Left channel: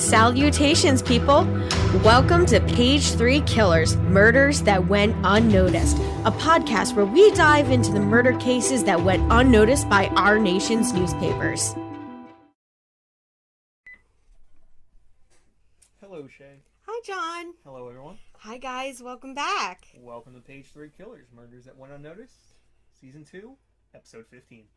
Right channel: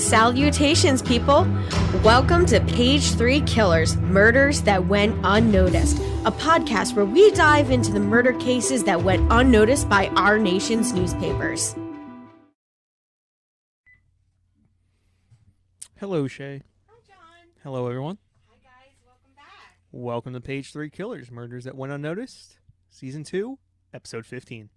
Salutations, people! Welcome to Page 3 Killers, Murders That Went Unnoticed, a podcast where we dive into the murder cases that went unnoticed by our nation's newspapers. Hello, Shay. Hi, John. Hello, everyone. Hi, guys. Welcome back. Welcome to Page 3 Killers, Murders That Went Unnoticed, Season 2, Episode 15.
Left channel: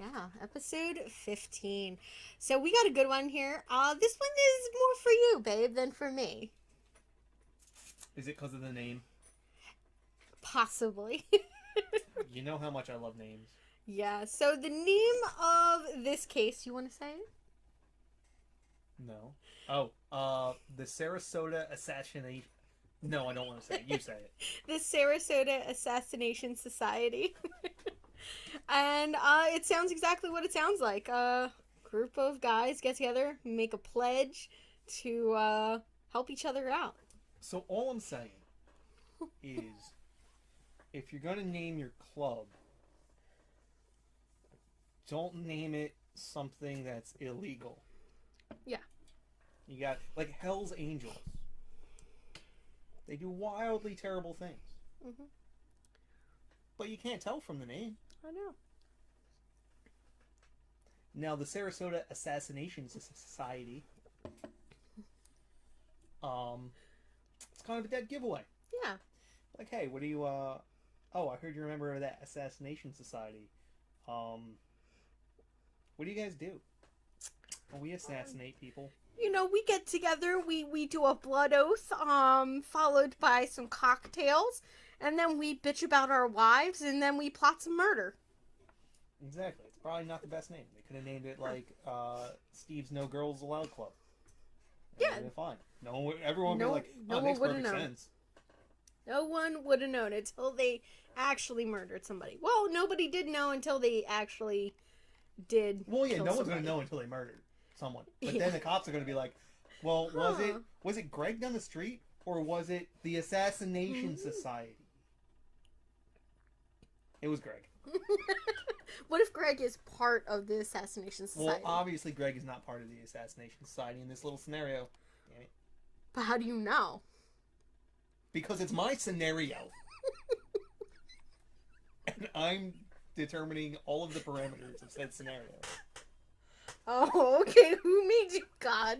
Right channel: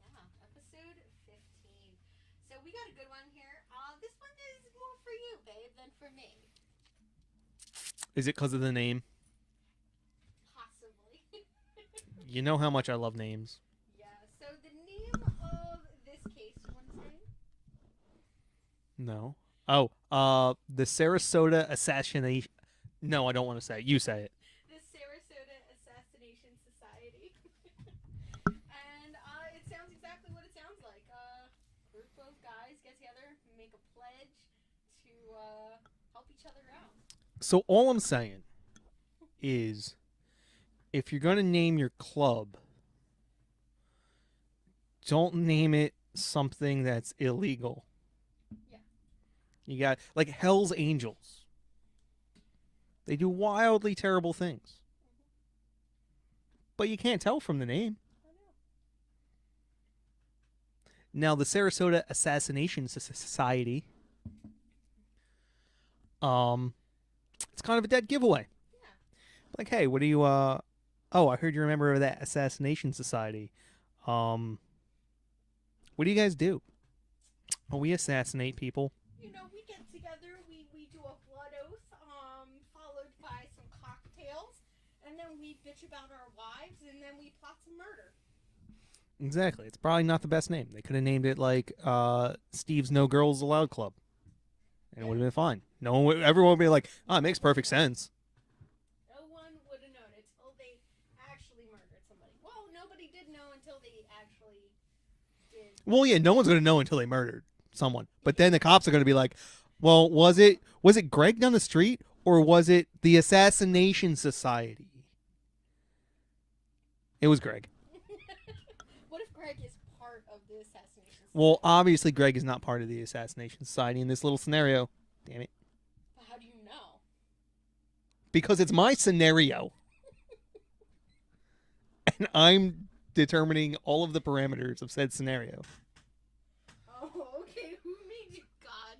Yeah, Episode 15. So we got a good one here. This one is more for you, babe, than for me. Is it because of the name? Possibly. You know how much I love names. Yeah, so the name of this case, you want to say it? No. Oh, the Sarasota Assassination... No, I don't want to say it. You say it. The Sarasota Assassination Society. And it sounds exactly what it sounds like. A group of guys get together, make a pledge to help each other out. So all I'm saying is, if you're going to name your club, don't name it something that's illegal. Yeah. You got, like, Hell's Angels. They do wildly terrible things. Mm-hmm. But you can't tell from the name. I know. Now, the Sarasota Assassination Society, it's kind of a dead giveaway. Yeah. Like, hey, what do you, oh, I heard you're a member of that Assassination Society. What do you guys do? Well, we assassinate people. You know, we get together, we do a blood oath, followed by some cocktails, and then we bitch about our wives, and then we plot some murder. Exactly. It's probably not the best name. They could have named it like Steve's No Girls Allowed Club. It would have been fine. Everyone would be like, oh, it makes perfect sense. No one would have known until they actually murdered somebody. Well, nobody did know until they actually did. Well, yeah, no one's going to know until they murdered someone. But then the cops are going to be like, well, was it Greg down the street, or was it the Assassination Society? It was Greg. What if Greg is part of the Assassination Society? Well, obviously Greg is not part of the Assassination Society in this little scenario. Damn it. But how do you know? Because it's my scenario. And I'm determining all of the parameters of said scenario. Oh, okay. Who made you God?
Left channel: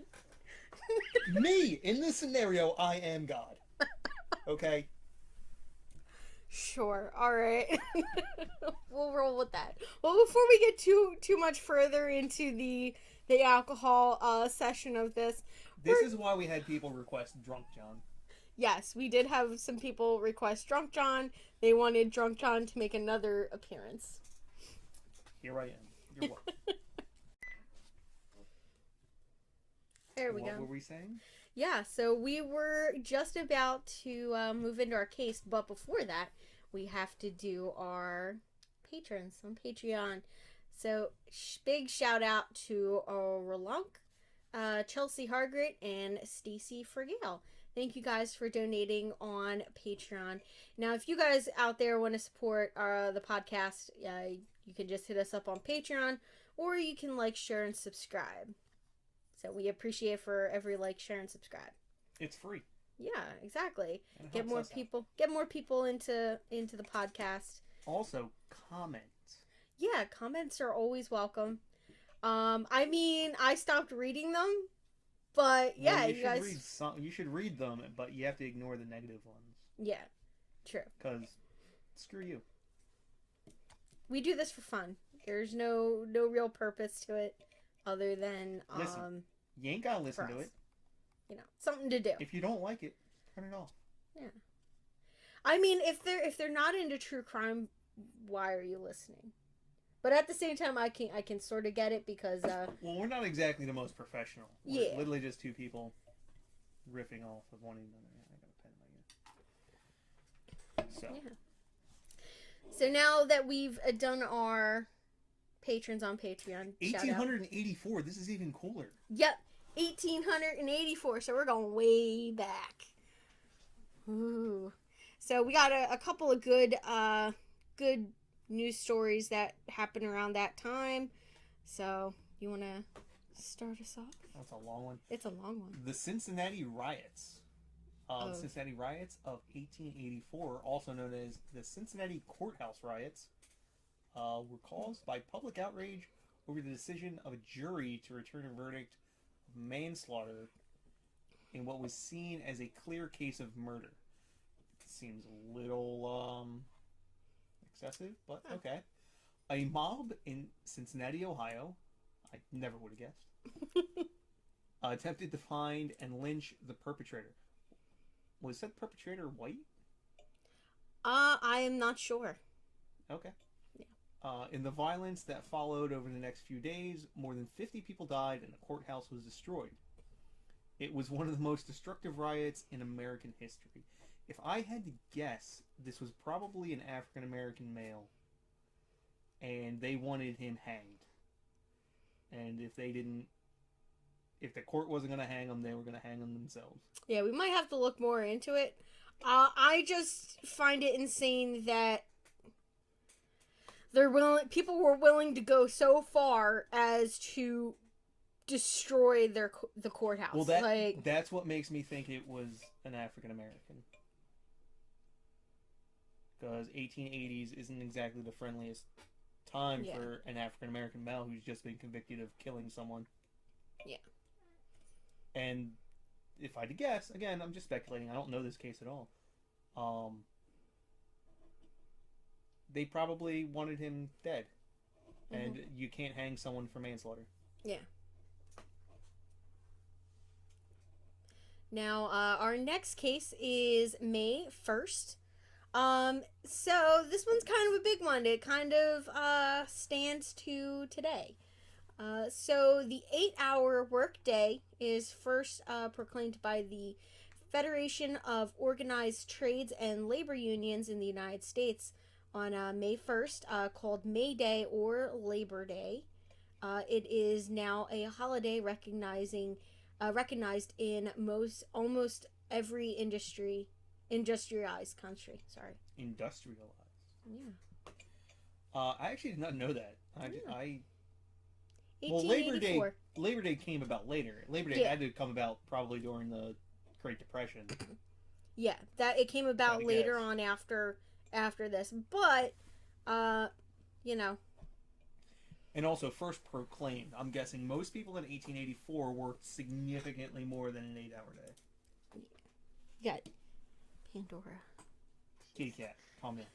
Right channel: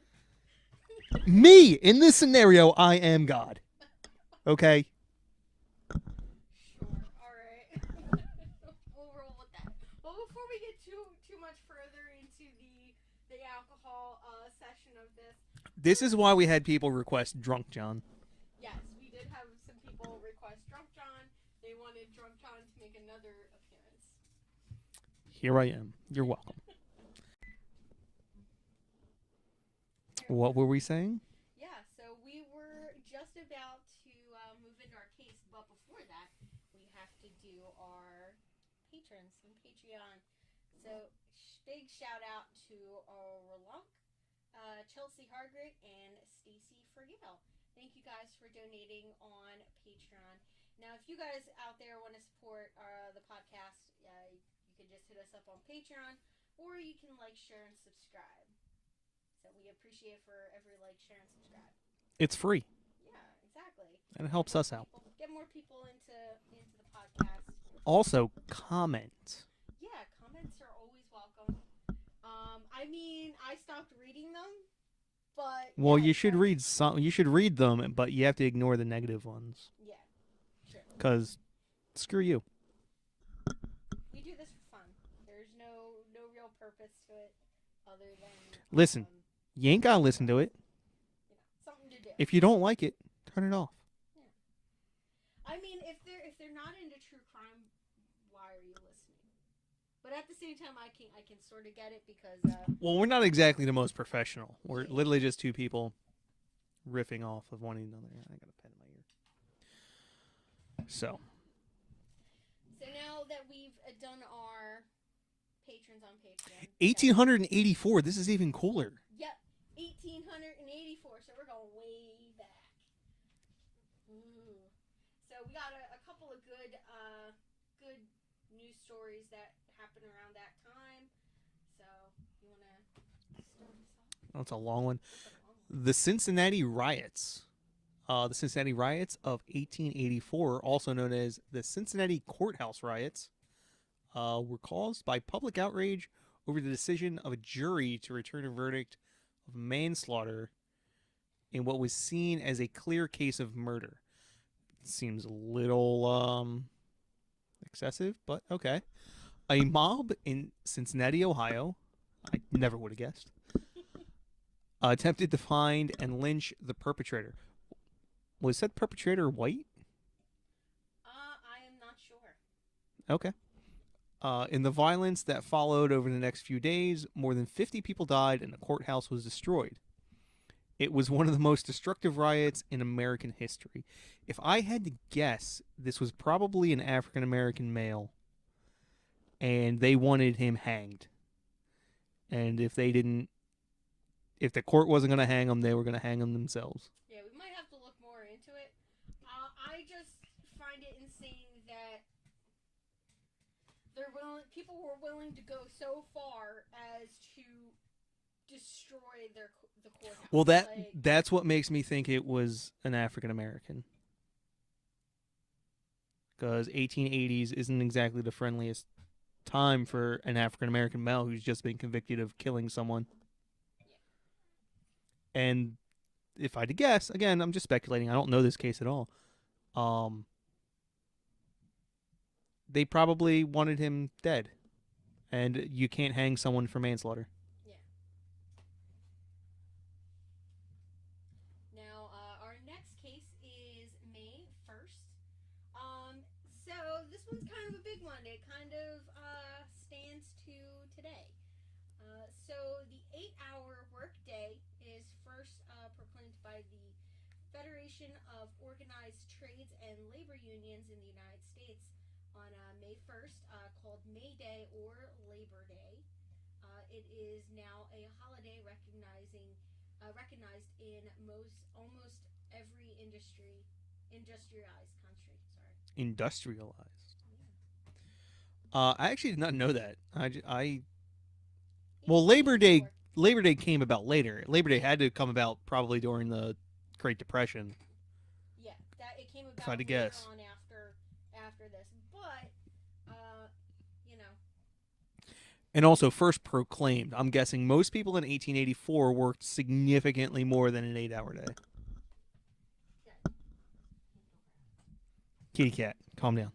Me! In this scenario, I am God. Okay? Sure. All right. We'll roll with that. Well, before we get too much further into the alcohol session of this. This is why we had people request Drunk John. Yes, we did have some people request Drunk John. They wanted Drunk John to make another appearance. Here I am. You're welcome. What were we saying? Yeah, so we were just about to move into our case, but before that, we have to do our patrons on Patreon. So, big shout out to Ralunk, Chelsea Hargrett, and Stacey Fragale. Thank you guys for donating on Patreon. Now, if you guys out there want to support the podcast, you can just hit us up on Patreon, or you can like, share, and subscribe. So we appreciate for every like, share, and subscribe. It's free. Yeah, exactly. And it helps us out. Get more people into the podcast. Also, comment. Yeah, comments are always welcome. I mean, I stopped reading them, but well, yeah, you should read some. You should read them, but you have to ignore the negative ones. Yeah, true. Because screw you. We do this for fun. There's no real purpose to it other than listen. You ain't gotta listen to it. You know, something to do. If you don't like it, turn it off. Yeah. I mean, if they're not into true crime, why are you listening? But at the same time, I can sort of get it because well, we're not exactly the most professional. We're literally just two people riffing off of one another. I got a pen in my ear. So. Yeah. So now that we've done our patrons on Patreon. 1884. This is even cooler. Yep. 1884. So we're going way back. Ooh. So we got a couple of good news stories that happened around that time. So you want to Start us off. That's a long one. It's a long one. The Cincinnati Riots. The Cincinnati Riots of 1884, also known as the Cincinnati Courthouse Riots, were caused by public outrage over the decision of a jury to return a verdict of manslaughter in what was seen as a clear case of murder. Seems a little excessive, but okay. A mob in Cincinnati, Ohio, I never would have guessed, attempted to find and lynch the perpetrator. Was that perpetrator white? I am not sure. Okay. In the violence that followed over the next few days, more than 50 people died and the courthouse was destroyed. It was one of the most destructive riots in American history. If I had to guess, this was probably an African-American male, and they wanted him hanged. And if the court wasn't going to hang him, they were going to hang him themselves. Yeah, we might have to look more into it. I just find it insane that people were willing to go so far as to destroy the courthouse. Well, that's what makes me think it was an African American. Because 1880s isn't exactly the friendliest time for an African American male who's just been convicted of killing someone. Yeah. And if I had to guess, again, I'm just speculating. I don't know this case at all. They probably wanted him dead. And you can't hang someone for manslaughter. Yeah. Now, our next case is May 1st. So this one's kind of a big one. It kind of stands to today. So the 8-hour workday is first proclaimed by the Federation of Organized Trades and Labor Unions in the United States on May 1st, called May Day or Labor Day. It is now a holiday recognized in almost every industrialized country. Sorry. Industrialized. Yeah. I actually did not know that. Well, Labor Day came about later. Labor Day had to come about probably during the Great Depression. Yeah, that it came about later on after this, but And also first proclaimed. I'm guessing most people in 1884 worked significantly more than an 8-hour day. Yeah. Pandora. Kitty cat, calm down.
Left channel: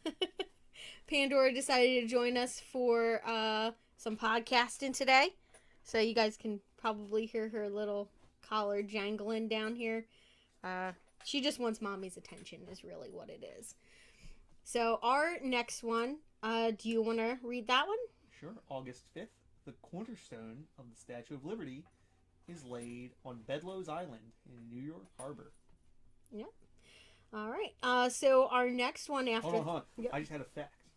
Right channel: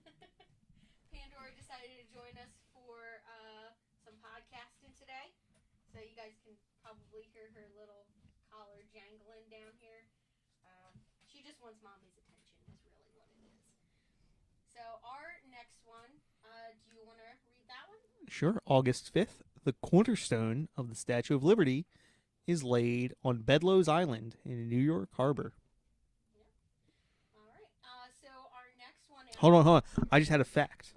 Pandora decided to join us for some podcasting today. So you guys can probably hear her little collar jangling down here. She just wants mommy's attention is really what it is. So our next one, do you want to read that one? Sure. August 5th, the cornerstone of the Statue of Liberty is laid on Bedloe's Island in New York Harbor. Yep. All right. So our next one after... Hold on. Yep. I just had a fact.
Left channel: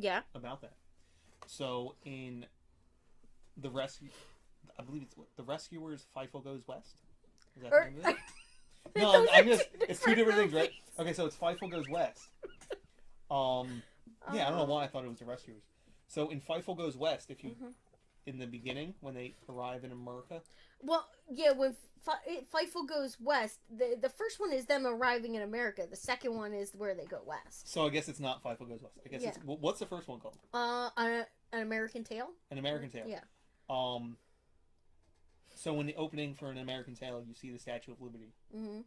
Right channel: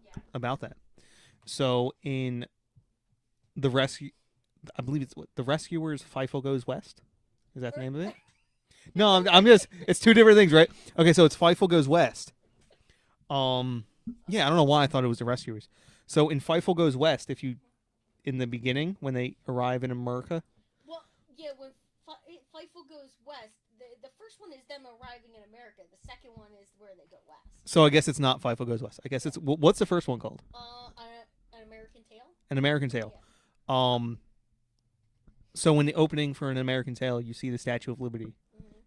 Yeah. About that. So in the rescue... I believe it's what, The Rescuers, Feifel Goes West? Is that the name of it? No, I'm just... It's two different things, right? Okay, so it's Feifel Goes West. Yeah, I don't know why I thought it was The Rescuers. So in Feifel Goes West, if you... In the beginning, when they arrive in America... Well, yeah, when Feifel Goes West, the first one is them arriving in America. The second one is where they go west. So I guess it's not Feifel Goes West. I guess it's... What's the first one called? An American Tale? An American Tale. Yeah. So in the opening for An American Tale, you see the Statue of Liberty. Mm-hmm.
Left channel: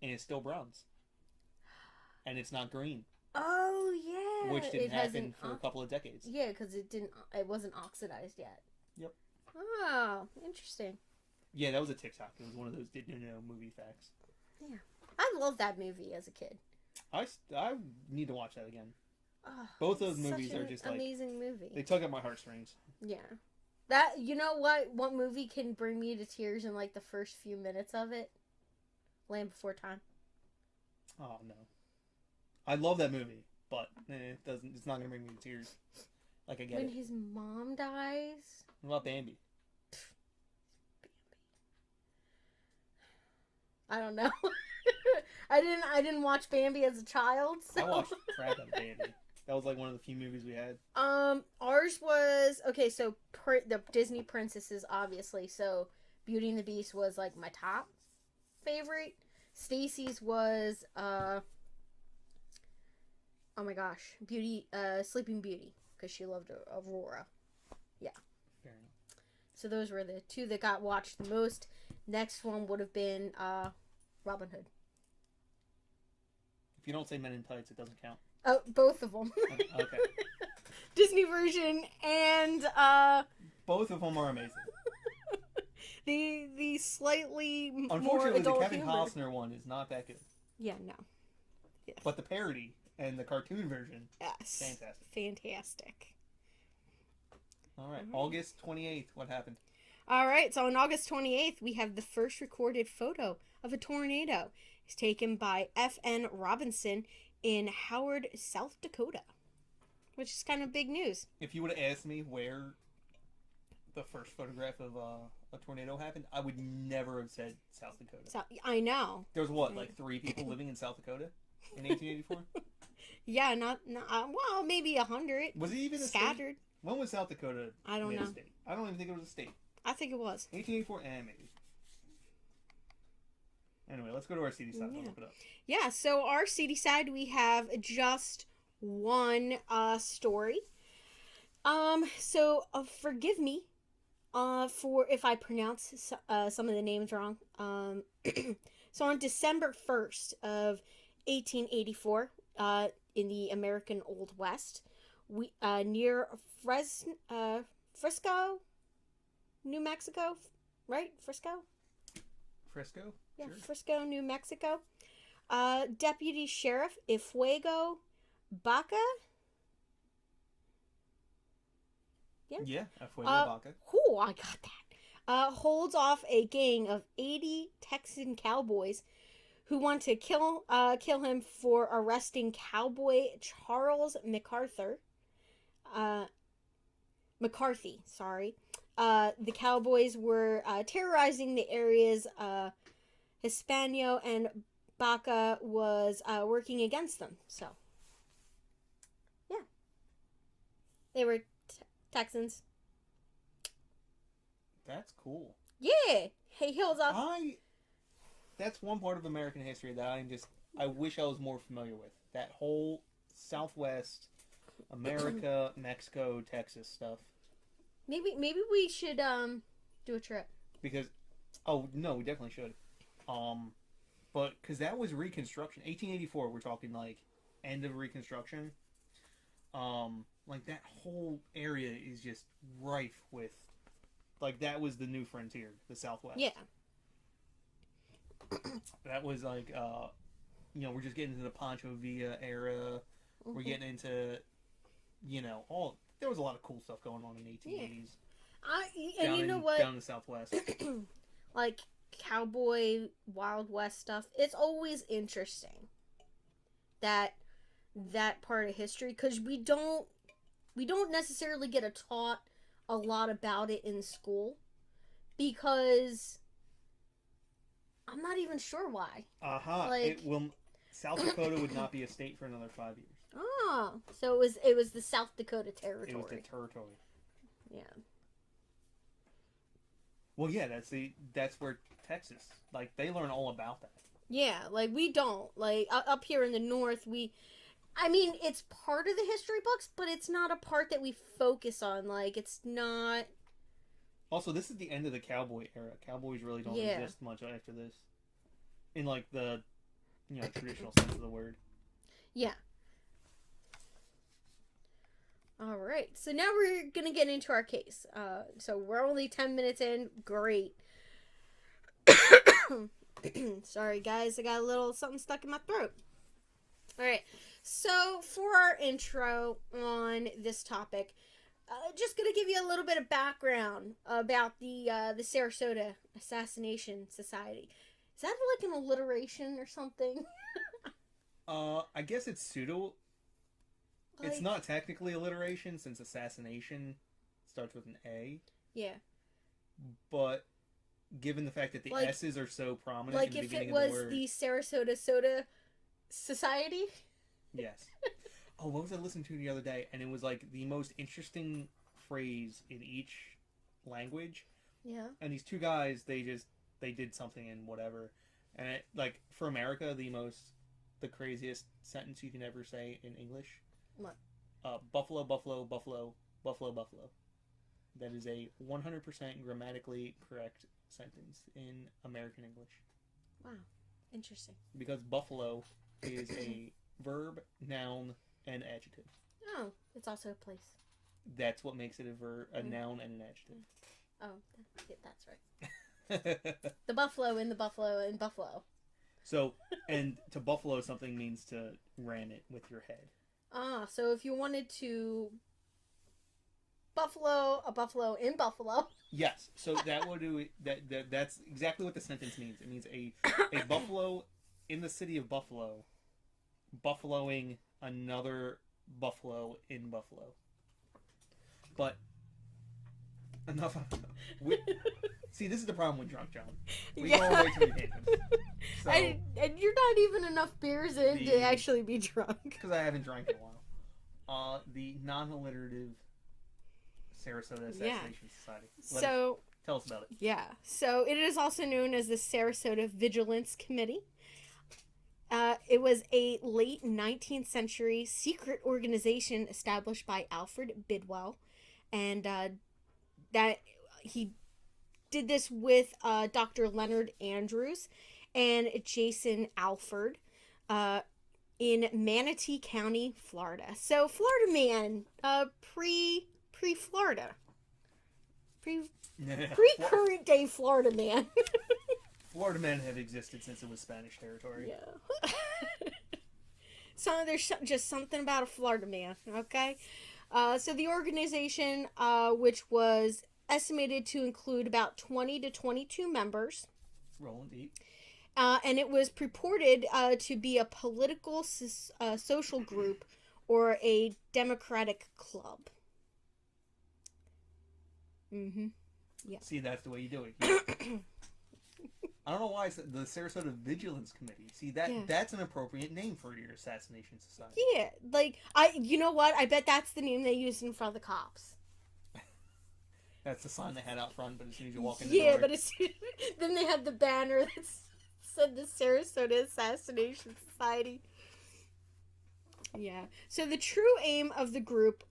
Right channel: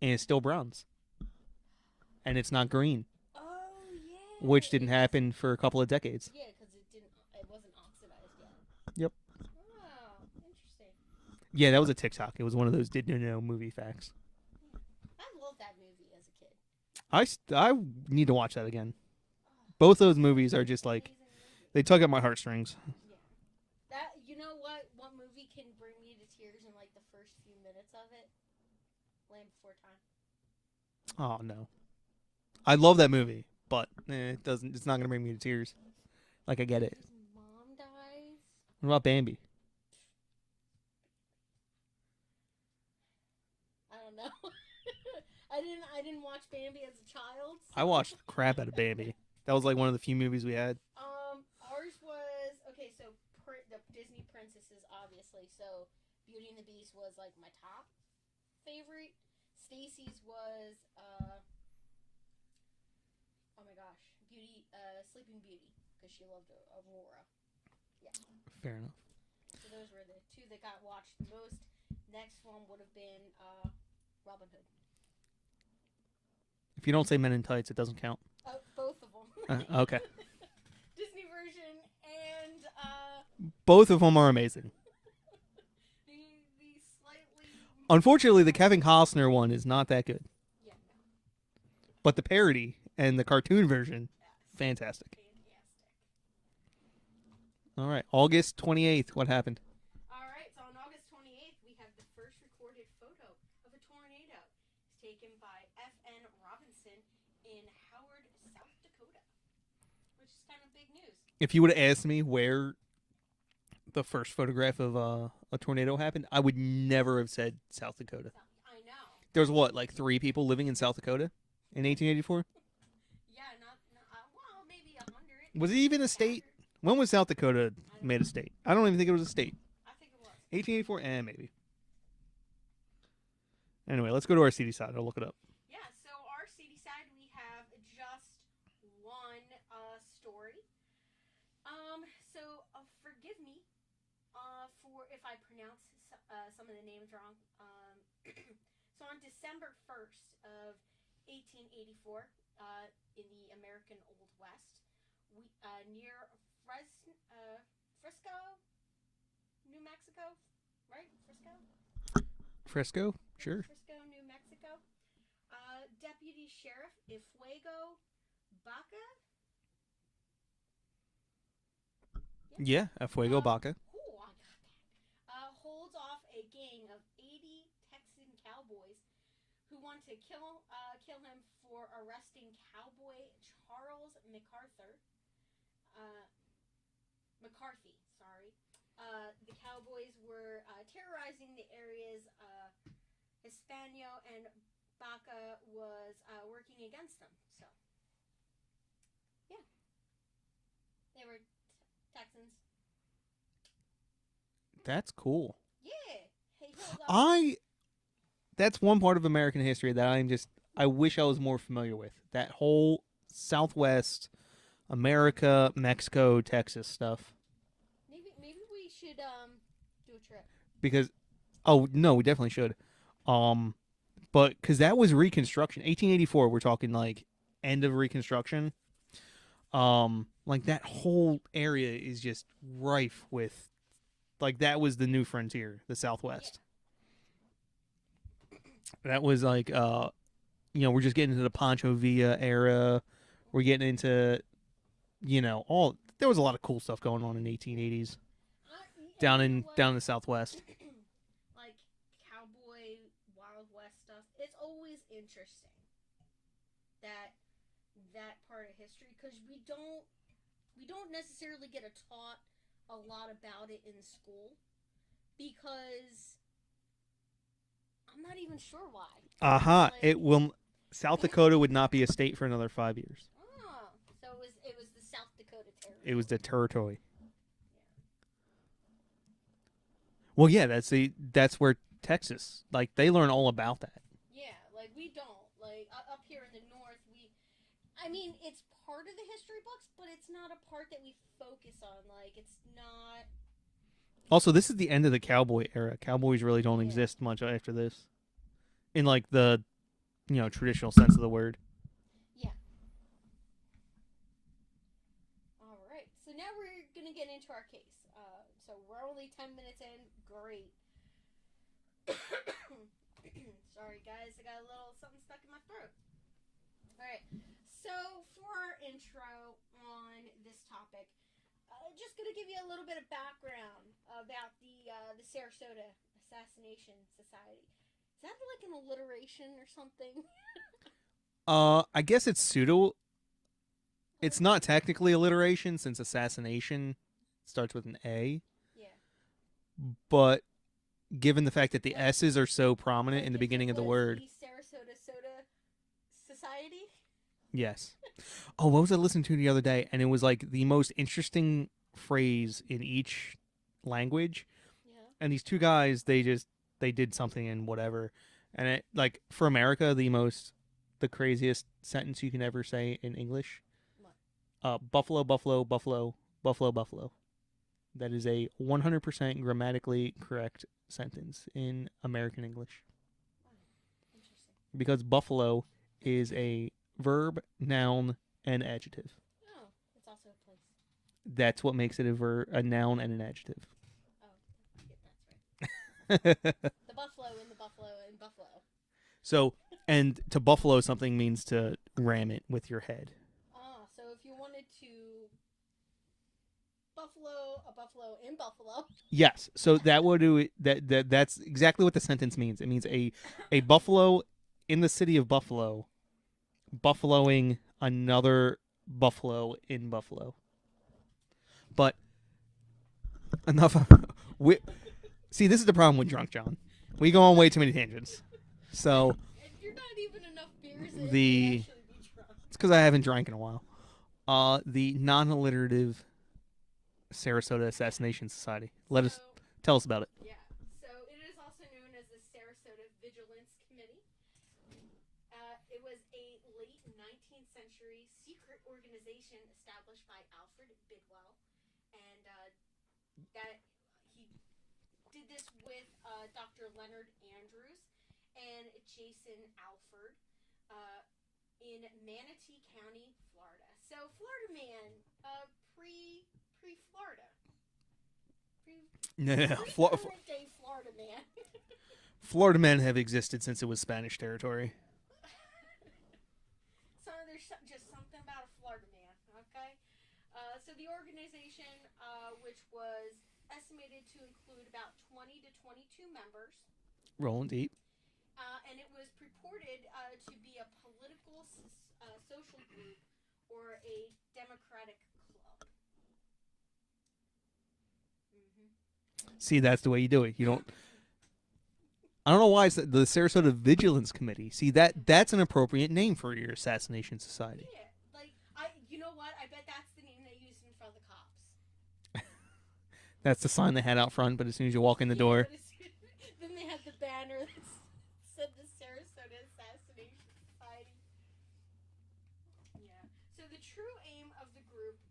And it's still bronze. And it's not green. Oh, yeah. Which didn't happen for a couple of decades. Yeah, because it wasn't oxidized yet. Yep. Oh, interesting. Yeah, that was a TikTok. It was one of those did-you-know movie facts. Yeah. I loved that movie as a kid. I need to watch that again. Oh, both those movies are just like... amazing movie. They tug at my heartstrings. Yeah. That, you know what movie can bring me to tears in like the first few minutes of it? Land Before Time. Oh, no. I love that movie, but it's not going to bring me to tears. Like, I get it. His mom dies. What about Bambi? I don't know. I didn't watch Bambi as a child. So. I watched crap out of Bambi. That was like one of the few movies we had. Ours was okay. So the Disney princesses, obviously. So Beauty and the Beast was like my top favorite. Stacey's was oh my gosh, Sleeping Beauty, because she loved Aurora. Yeah. Fair enough. So those were the two that got watched the most. Next one would have been Robin Hood. If you don't say Men in Tights, it doesn't count. Oh, both of them. Okay. Disney version and both of them are amazing. the slightly Unfortunately, the more Kevin adult Costner one is not that good. Yeah, no. Yes. But the parody and the cartoon version, yes. fantastic. Fantastic. All right, August 28th, what happened? All right, so on August 28th, we have the first recorded photo of a tornado. It's taken by F.N. Robinson in Howard, South Dakota, which is kind of big news. If you would have asked me where the first photograph of a tornado happened, I would never have said South Dakota. I know. There was what, like 3 people living in South Dakota in 1884? Yeah, not well, maybe 100. Was it even a scattered. state? When was South Dakota made a state? I don't even think it was a state. I think it was. 1884? Maybe. Anyway, let's go to our CD side. I'll look it up. Yeah, so our CD side, we have just one story. So forgive me for if I pronounce some of the names wrong. So on December 1st of 1884, in the American Old West, we near Frisco, New Mexico, right? Frisco? Sure. Yeah, Frisco, New Mexico. Deputy Sheriff Ifuego Baca. Yeah, Fuego Baca. Cool, I got that. Holds off a gang of 80 Texan cowboys who want to kill him for arresting cowboy Charles McCarthy. Sorry. The cowboys were terrorizing the area's Hispano, and Baca was working against them. So, yeah. They were Texans. That's cool. Yeah. Hey, Hills up. That's one part of American history that I wish I was more familiar with. That whole Southwest, America, Mexico, Texas stuff. Maybe we should do a trip. Because, oh no, we definitely should. But because that was Reconstruction, 1884. We're talking like end of Reconstruction. Like that whole area is just rife with, like that was the new frontier, the Southwest. Yeah. That was like, we're just getting into the Pancho Villa era. We're getting into, there was a lot of cool stuff going on in the 1880s. Down in the Southwest. Like cowboy Wild West stuff. It's always interesting that part of history, because we don't necessarily get taught a lot about it in school, because I'm not even sure why. South Dakota would not be a state for another 5 years. Oh, so it was the South Dakota territory. It was the territory. Yeah. Well, yeah, that's where Texas, like, they learn all about that. Yeah, like we don't, like up here in the north, it's part of the history books, but it's not a part that we focus on. Like, it's not. Also, this is the end of the cowboy era. Cowboys really don't exist much after this, in like the, traditional sense of the word. Yeah. All right. So now we're gonna get into our case. So we're only 10 minutes in. Great. Sorry, guys. I got a little something stuck in my throat. All right. So for our intro on this topic, just gonna give you a little bit of background about the Sarasota Assassination Society. Is that like an alliteration or something? I guess it's pseudo. It's not technically alliteration, since assassination starts with an A. Yeah. But given the fact that the S's are so prominent in the beginning of the word. The Sarasota Soda Society? Yes. Oh, what was I listening to the other day? And it was like the most interesting phrase in each language. Yeah. And these two guys, they did something in whatever. And it, like, for America, the craziest sentence you can ever say in English. What? Buffalo, buffalo, buffalo, buffalo, buffalo. That is a 100% grammatically correct sentence in American English. Wow. Interesting. Because buffalo is a verb, noun, and adjective. Oh, it's also a place. That's what makes it a noun and an adjective. Oh, that's right. The buffalo in the buffalo in buffalo. So, and to buffalo something means to ram it with your head. Ah, so if you wanted to a buffalo in buffalo. Yes. So that would do it. That's exactly what the sentence means. It means a buffalo in the city of Buffalo, buffaloing another buffalo in Buffalo. But enough. See, this is the problem with Drunk John. We go on way too many tangents. So and you're not even enough beers in to actually be drunk. It's because I haven't drank in a while. The non-alliterative Sarasota Assassination Society. Tell us about it. Yeah. So it is also known as the Sarasota Vigilance Committee. It was a late 19th century secret organization established by Alfred Bidwell, and that he did this with Dr. Leonard Andrews and Jason Alford in Manatee County, Florida. So Florida man, pre-Florida. Pre-current day Florida man. Florida men have existed since it was Spanish territory. Yeah. So there's just something about a Florida man, okay? So the organization, which was estimated to include about 20 to 22 members. Rolling deep. And it was purported to be a political social group or a democratic club. Mm-hmm. Yeah. See, that's the way you do it. You don't... I don't know why it's the Sarasota Vigilance Committee. See, that's an appropriate name for your assassination society. Yeah, like you know what? I bet that's the name they used in front of the cops. That's the sign they had out front, but as soon as you walk in the door, but then they had the banner that said the Sarasota Assassination Society. Yeah. So the true aim of the group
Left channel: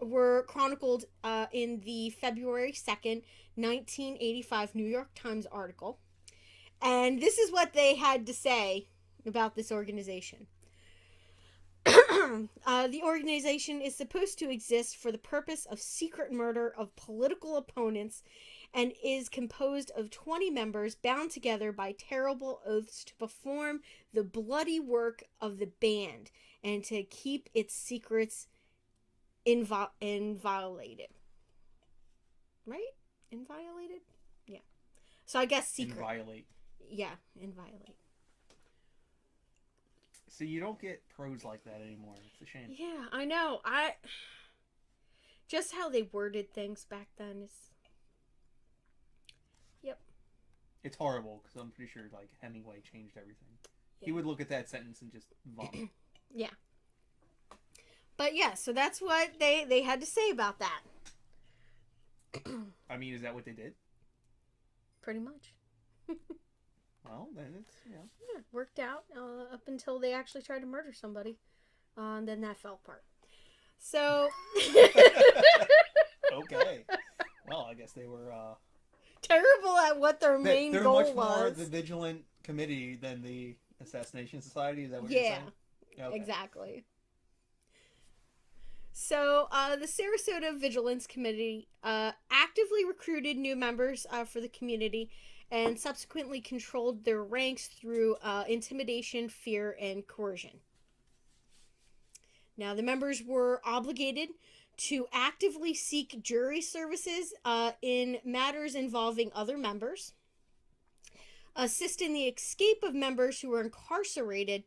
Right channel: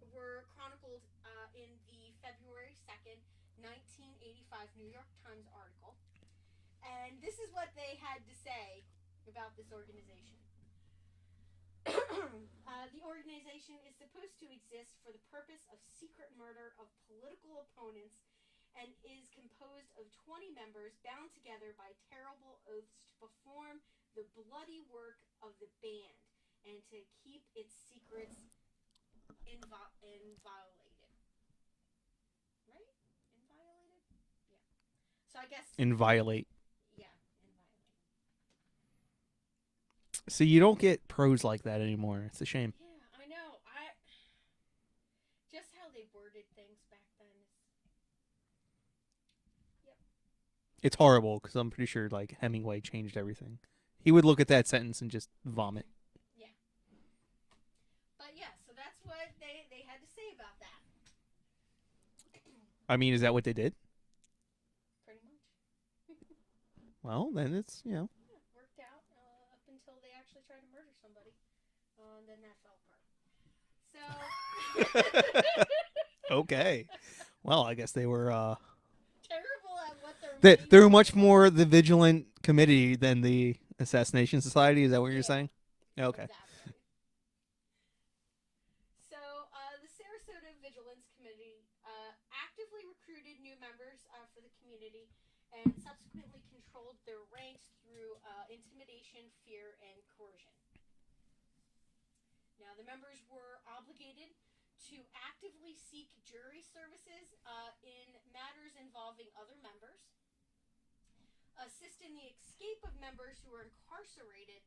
were chronicled in the February 2nd, 1985 New York Times article. And this is what they had to say about this organization. The organization is supposed to exist for the purpose of secret murder of political opponents and is composed of 20 members bound together by terrible oaths to perform the bloody work of the band and to keep its secrets inviolated. Right? Inviolated? Yeah. So I guess secret. Inviolate. Yeah, inviolate. So you don't get prose like that anymore. It's a shame. Yeah, I know. Just how they worded things back then is... Yep. It's horrible because I'm pretty sure like Hemingway changed everything. Yeah. He would look at that sentence and just vomit. Yeah. But yeah, so that's what they had to say about that. I mean, is that what they did? Pretty much. Well, then it's, Yeah, worked out up until they actually tried to murder somebody. And then that fell apart. So... Okay. Well, I guess they were... terrible at what their main They're goal much more was. the Vigilant Committee than the Assassination Society. Is that what you're saying? Okay. Exactly. So, the Sarasota Vigilance Committee actively recruited new members for the community and subsequently controlled their ranks through intimidation, fear, and coercion. Now, the members were obligated to actively seek jury services in matters involving other members, assist in the escape of members who were incarcerated,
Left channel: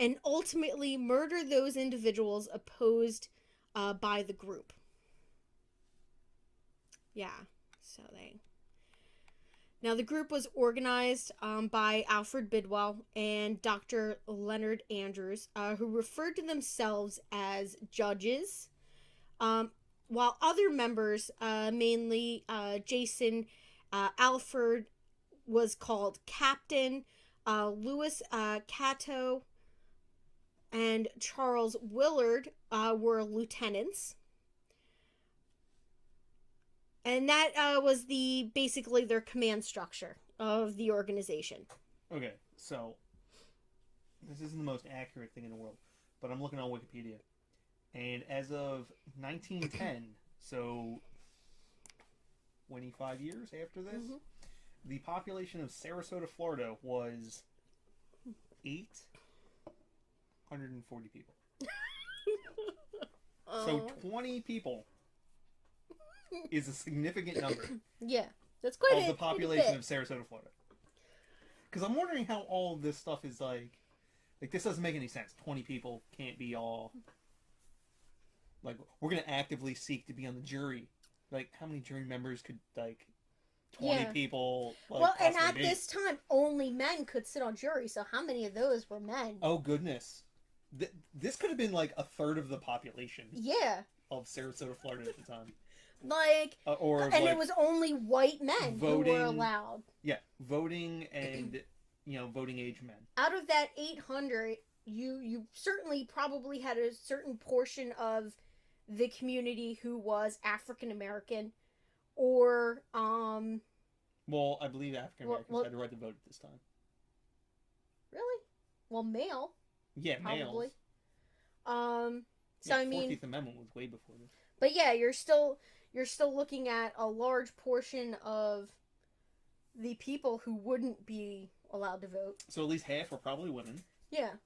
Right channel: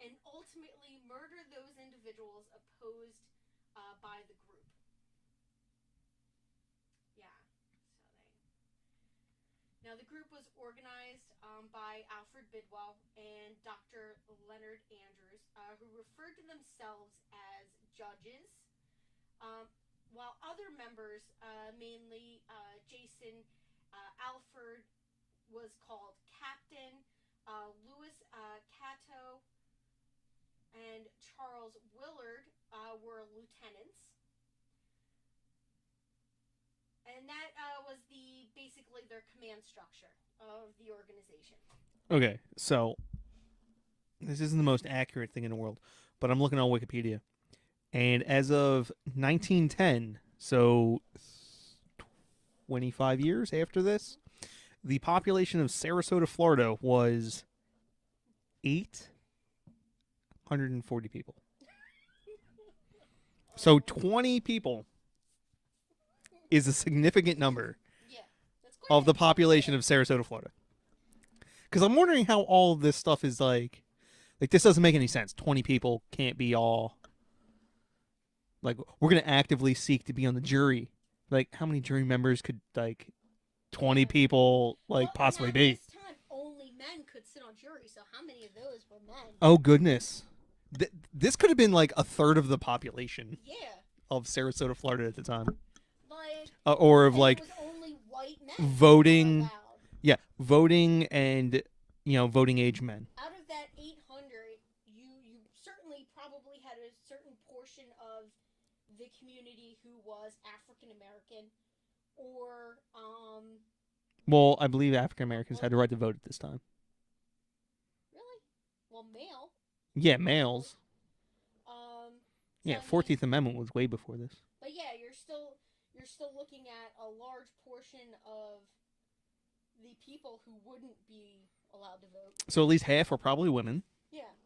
and ultimately murder those individuals opposed by the group. Yeah, so they... Now, the group was organized by Alfred Bidwell and Dr. Leonard Andrews, who referred to themselves as judges, while other members, mainly Jason Alford, was called captain, Louis Cato and Charles Willard were lieutenants. And that was basically their command structure of the organization. Okay, so this isn't the most accurate thing in the world, but I'm looking on Wikipedia. And as of 1910, so 25 years after this, the population of Sarasota, Florida was 840 people. So 20 people is a significant number Yeah, that's quite of the population of Sarasota, Florida. Because I'm wondering how all of this stuff is like this doesn't make any sense. 20 people can't be all like we're gonna actively seek to be on the jury. Like how many jury members could 20 people possibly and be? at this time, only men could sit on jury. So how many of those were men? Oh goodness, this could have been like a third of the population. Yeah. Of Sarasota, Florida at the time. Or of it was only white men voting who were allowed. Yeah, voting and voting age men. Out of that 800, you certainly probably had a certain portion of the community who was African American, or Well, I believe African Americans had the right to vote at this time. Really? Well, male. Yeah, males. So yeah, 14th Amendment was way before this. But yeah, you're still looking at a large portion of the people who wouldn't be allowed to vote. So at least half were probably women. Yeah.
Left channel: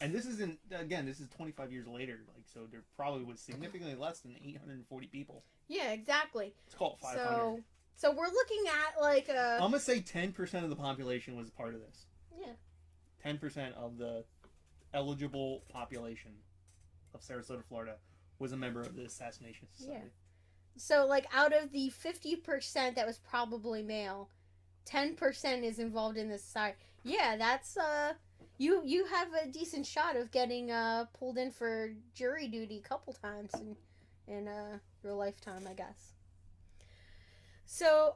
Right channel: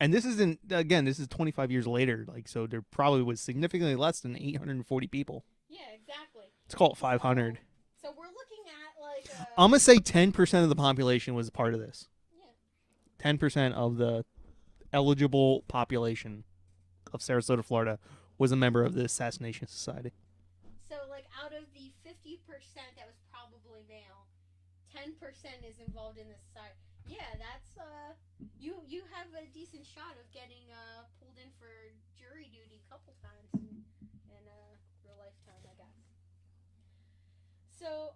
And this isn't, again, this is 25 years later, so there probably was significantly less than 840 people. Yeah, exactly. Let's call it 500. So we're looking at I'm going to say 10% of the population was a part of this. Yeah. 10% of the eligible population of Sarasota, Florida was a member of the Assassination Society. Yeah. So out of the 50% that was probably male, 10% is involved in this society. Yeah, that's you have a decent shot of getting pulled in for jury duty a couple times in your lifetime, I guess. So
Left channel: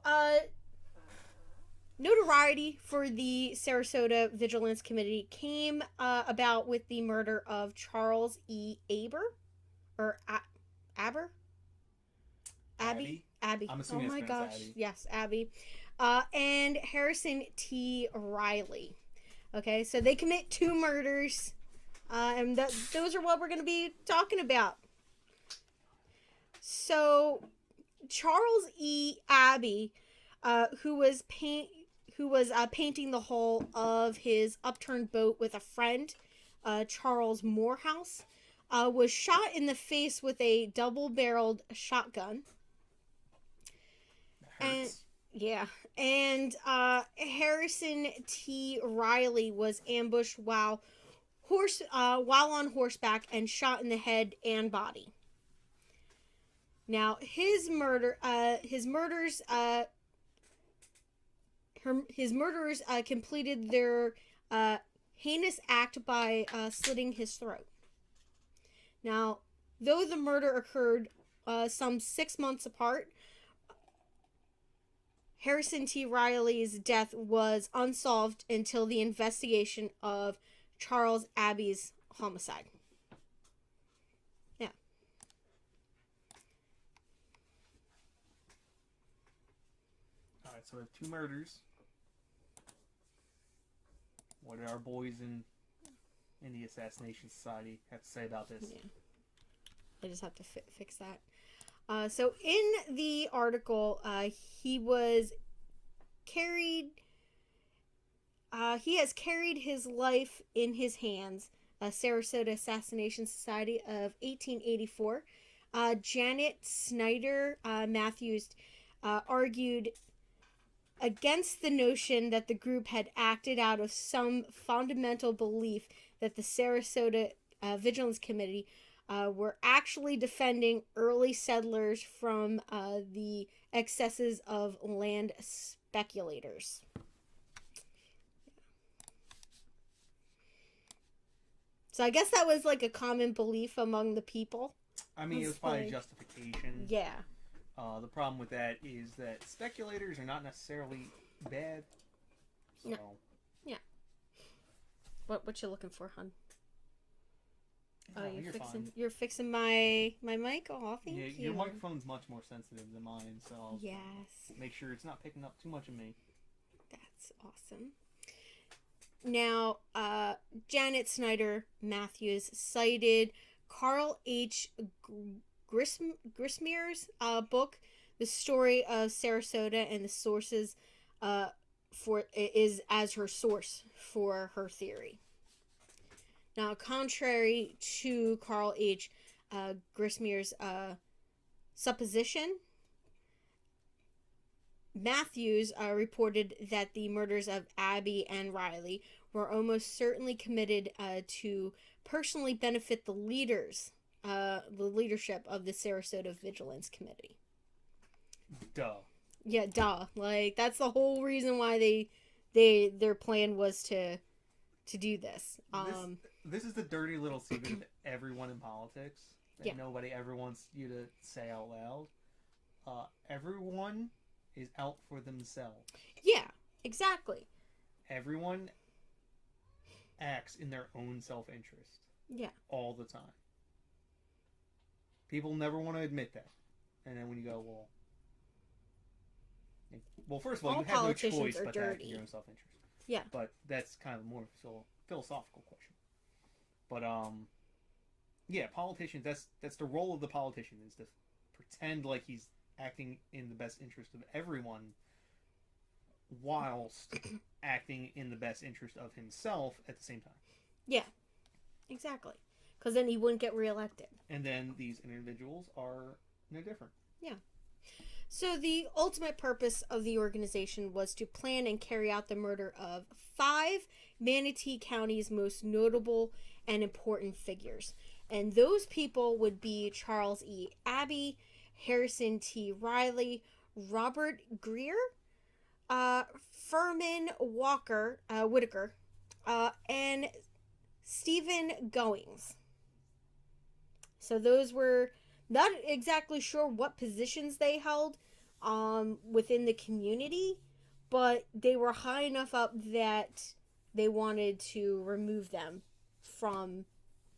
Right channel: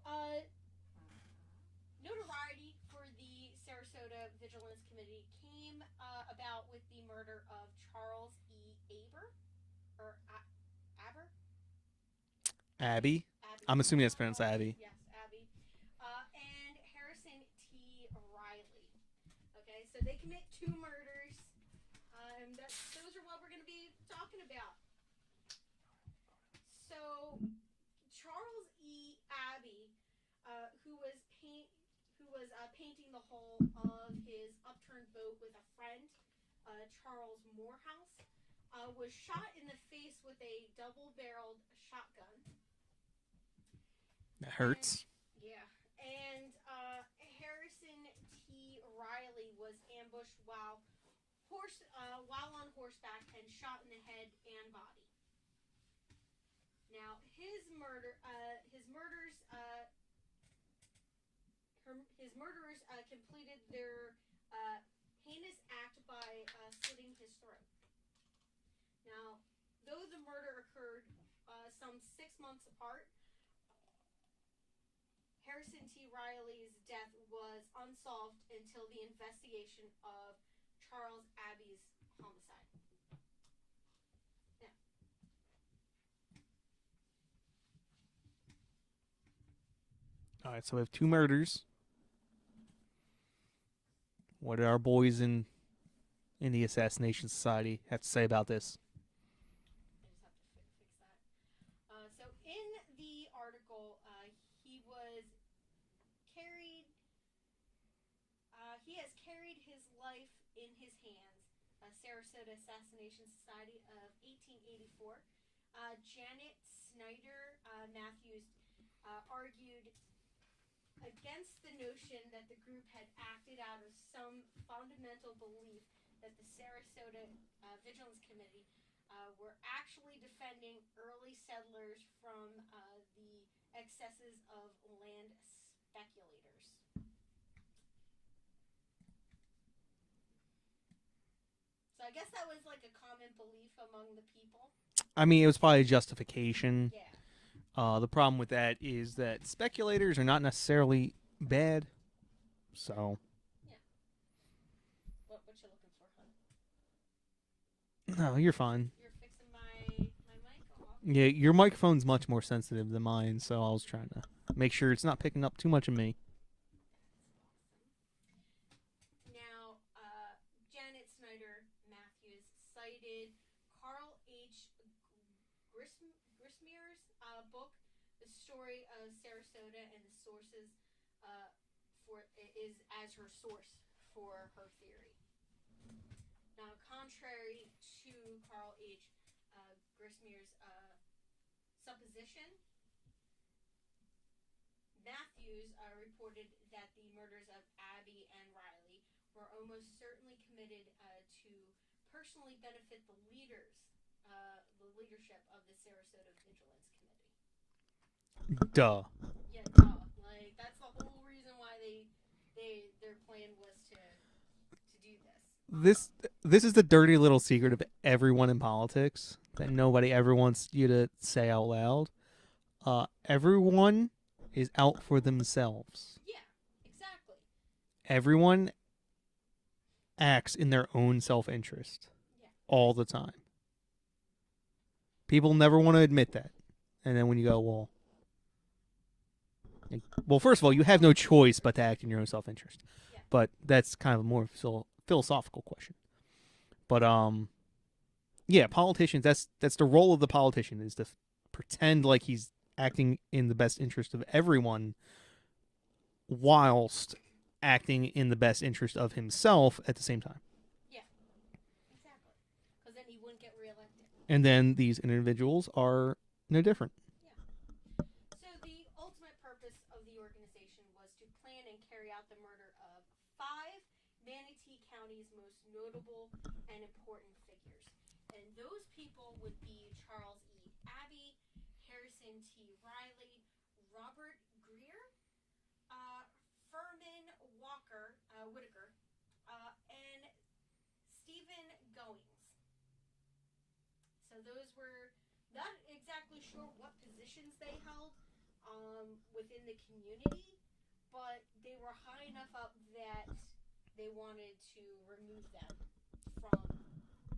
notoriety for the Sarasota Vigilance Committee came about with the murder of Charles E. Aber? Abbey? Abby. I'm assuming that's pronounced Abbey. Yes, Abbey. And Harrison T. Riley. Okay, so they commit 2 murders, and those are what we're going to be talking about. So, Charles E. Abbey, who was painting the hull of his upturned boat with a friend, Charles Morehouse, was shot in the face with a double-barreled shotgun. That hurts. And Harrison T. Riley was ambushed while on horseback and shot in the head and body. Now his murderers completed their heinous act by slitting his throat. Now, though the murder occurred some 6 months apart, Harrison T. Riley's death was unsolved until the investigation of Charles Abbey's homicide. Yeah. All right, so we have 2 murders. What do our boys in the Assassination Society have to say about this? Yeah. I just have to fix that. So in the article, he was carried. He has carried his life in his hands. Sarasota Assassination Society of 1884. Janet Snyder Matthews argued against the notion that the group had acted out of some fundamental belief that the Sarasota Vigilance Committee were actually defending early settlers from the excesses of land speculators. So I guess that was a common belief among the people. I mean, it was probably a Insane. justification. Yeah. The problem with that is that speculators are not necessarily bad. So. Yeah. What you looking for, hun? No, you're fine. You're fixing my mic? Oh, thank Yeah, you. your microphone's much more sensitive than mine, so I was trying Yes. to make sure it's not picking up too much of me. That's awesome. Now, Janet Snyder Matthews cited Carl H. Grismer's book, The Story of Sarasota, and the sources for is as her source for her theory. Now, contrary to Carl H. Grismer's supposition, Matthews reported that the murders of Abbey and Riley were almost certainly committed to personally benefit the leadership of the Sarasota Vigilance Committee. Duh. Yeah, duh. Like, that's the whole reason why their plan was to do this. This is the dirty little secret of everyone in politics that nobody ever wants you to say out loud. Everyone is out for themselves. Yeah, exactly. Everyone acts in their own self-interest. Yeah. All the time. People never want to admit that. And then when you go, well, first of all, you have no choice but to act in your own self-interest. Yeah. But that's kind of a more philosophical question. But yeah, politicians. That's the role of the politician, is to pretend like he's acting in the best interest of everyone, whilst acting in the best interest of himself at the same time. Yeah, exactly. Because then he wouldn't get reelected. And then these individuals are no different. Yeah. So the ultimate purpose of the organization was to plan and carry out the murder of 5 Manatee County's most notable and important figures. And those people would be Charles E. Abbey, Harrison T. Riley, Robert Greer, Furman Whitaker, and Stephen Goings. So those were not exactly sure what positions they held within the community, but they were high enough up that they wanted to remove them from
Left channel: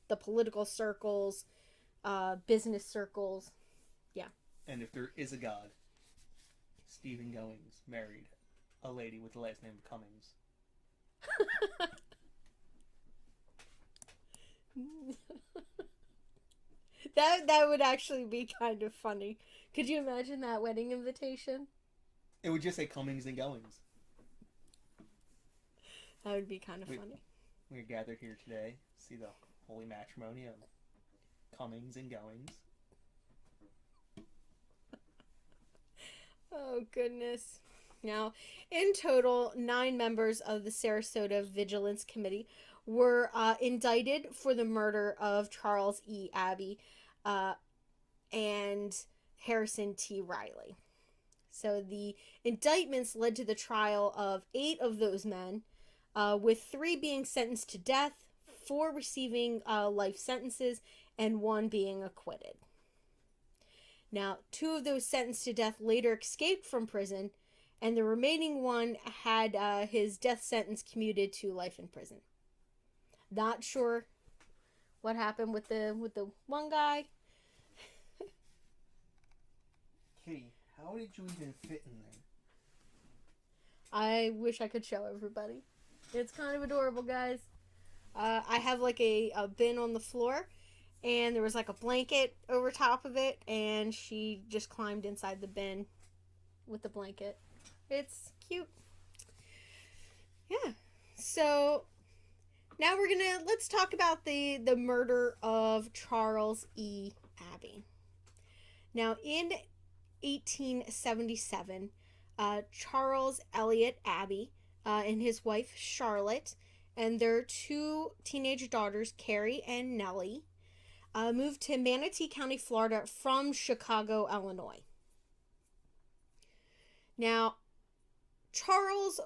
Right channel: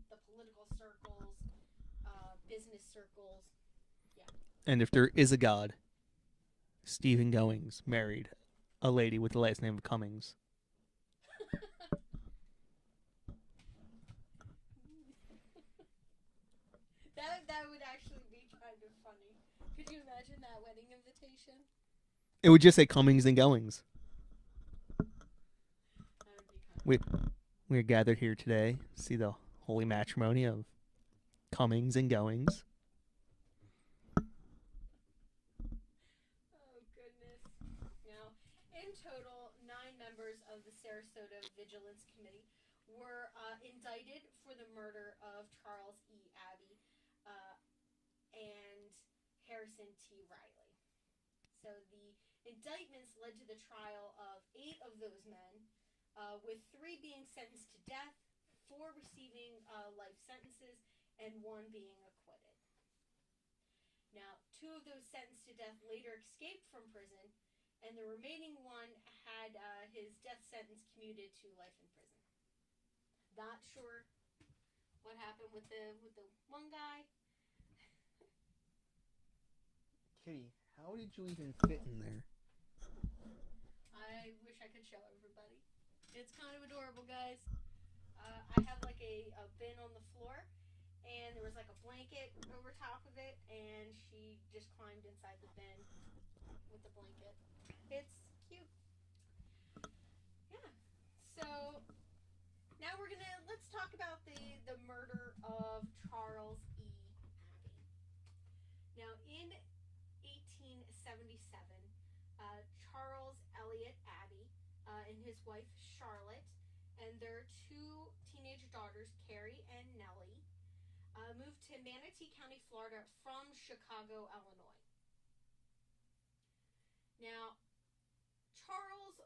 the political circles, business circles. Yeah. And if there is a God, Stephen Goings married a lady with the last name of Cummings. That would actually be kind of funny. Could you imagine that wedding invitation? It would just say Cummings and Goings. That would be kind of funny. We're gathered here today to see the holy matrimony of Cummings and Goings. Oh, goodness. Now, in total, 9 members of the Sarasota Vigilance Committee were indicted for the murder of Charles E. Abbey and Harrison T. Riley. So the indictments led to the trial of 8 of those men, with 3 being sentenced to death, 4 receiving life sentences, and 1 being acquitted. Now, 2 of those sentenced to death later escaped from prison, and the remaining one had his death sentence commuted to life in prison. Not sure what happened with the one guy. Kitty, how did you even fit in there? I wish I could show everybody. It's kind of adorable, guys. I have like a bin on the floor, and there was like a blanket over top of it, and she just climbed inside the bin with the blanket. It's cute. Yeah. So now let's talk about the murder of Charles E. Abbey. Now, in 1877, Charles Elliott Abbey and his wife Charlotte and their 2 teenage daughters, Carrie and Nellie, moved to Manatee County, Florida from Chicago, Illinois. Now, Charles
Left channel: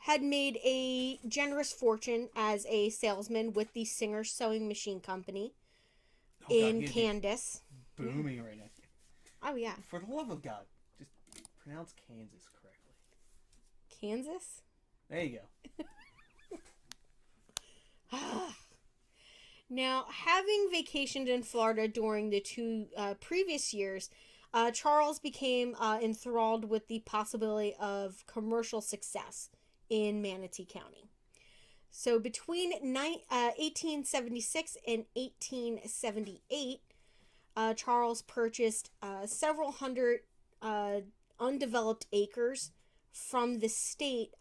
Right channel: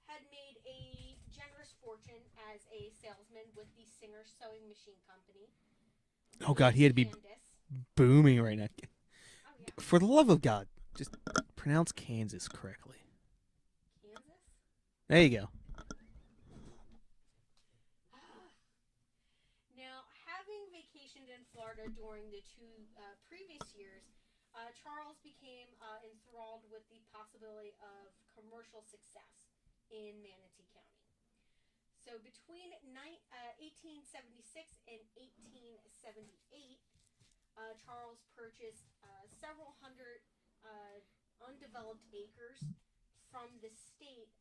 had made a generous fortune as a salesman with the Singer Sewing Machine Company. Oh God, he had to be Candace. booming right now. Oh yeah, For the love of God, just pronounce Kansas correctly. Kansas. There you go. Now, having vacationed in Florida during the two previous years, Charles became enthralled with the possibility of commercial success in Manatee County. So between 1876 and 1878, Charles purchased several hundred undeveloped acres from the state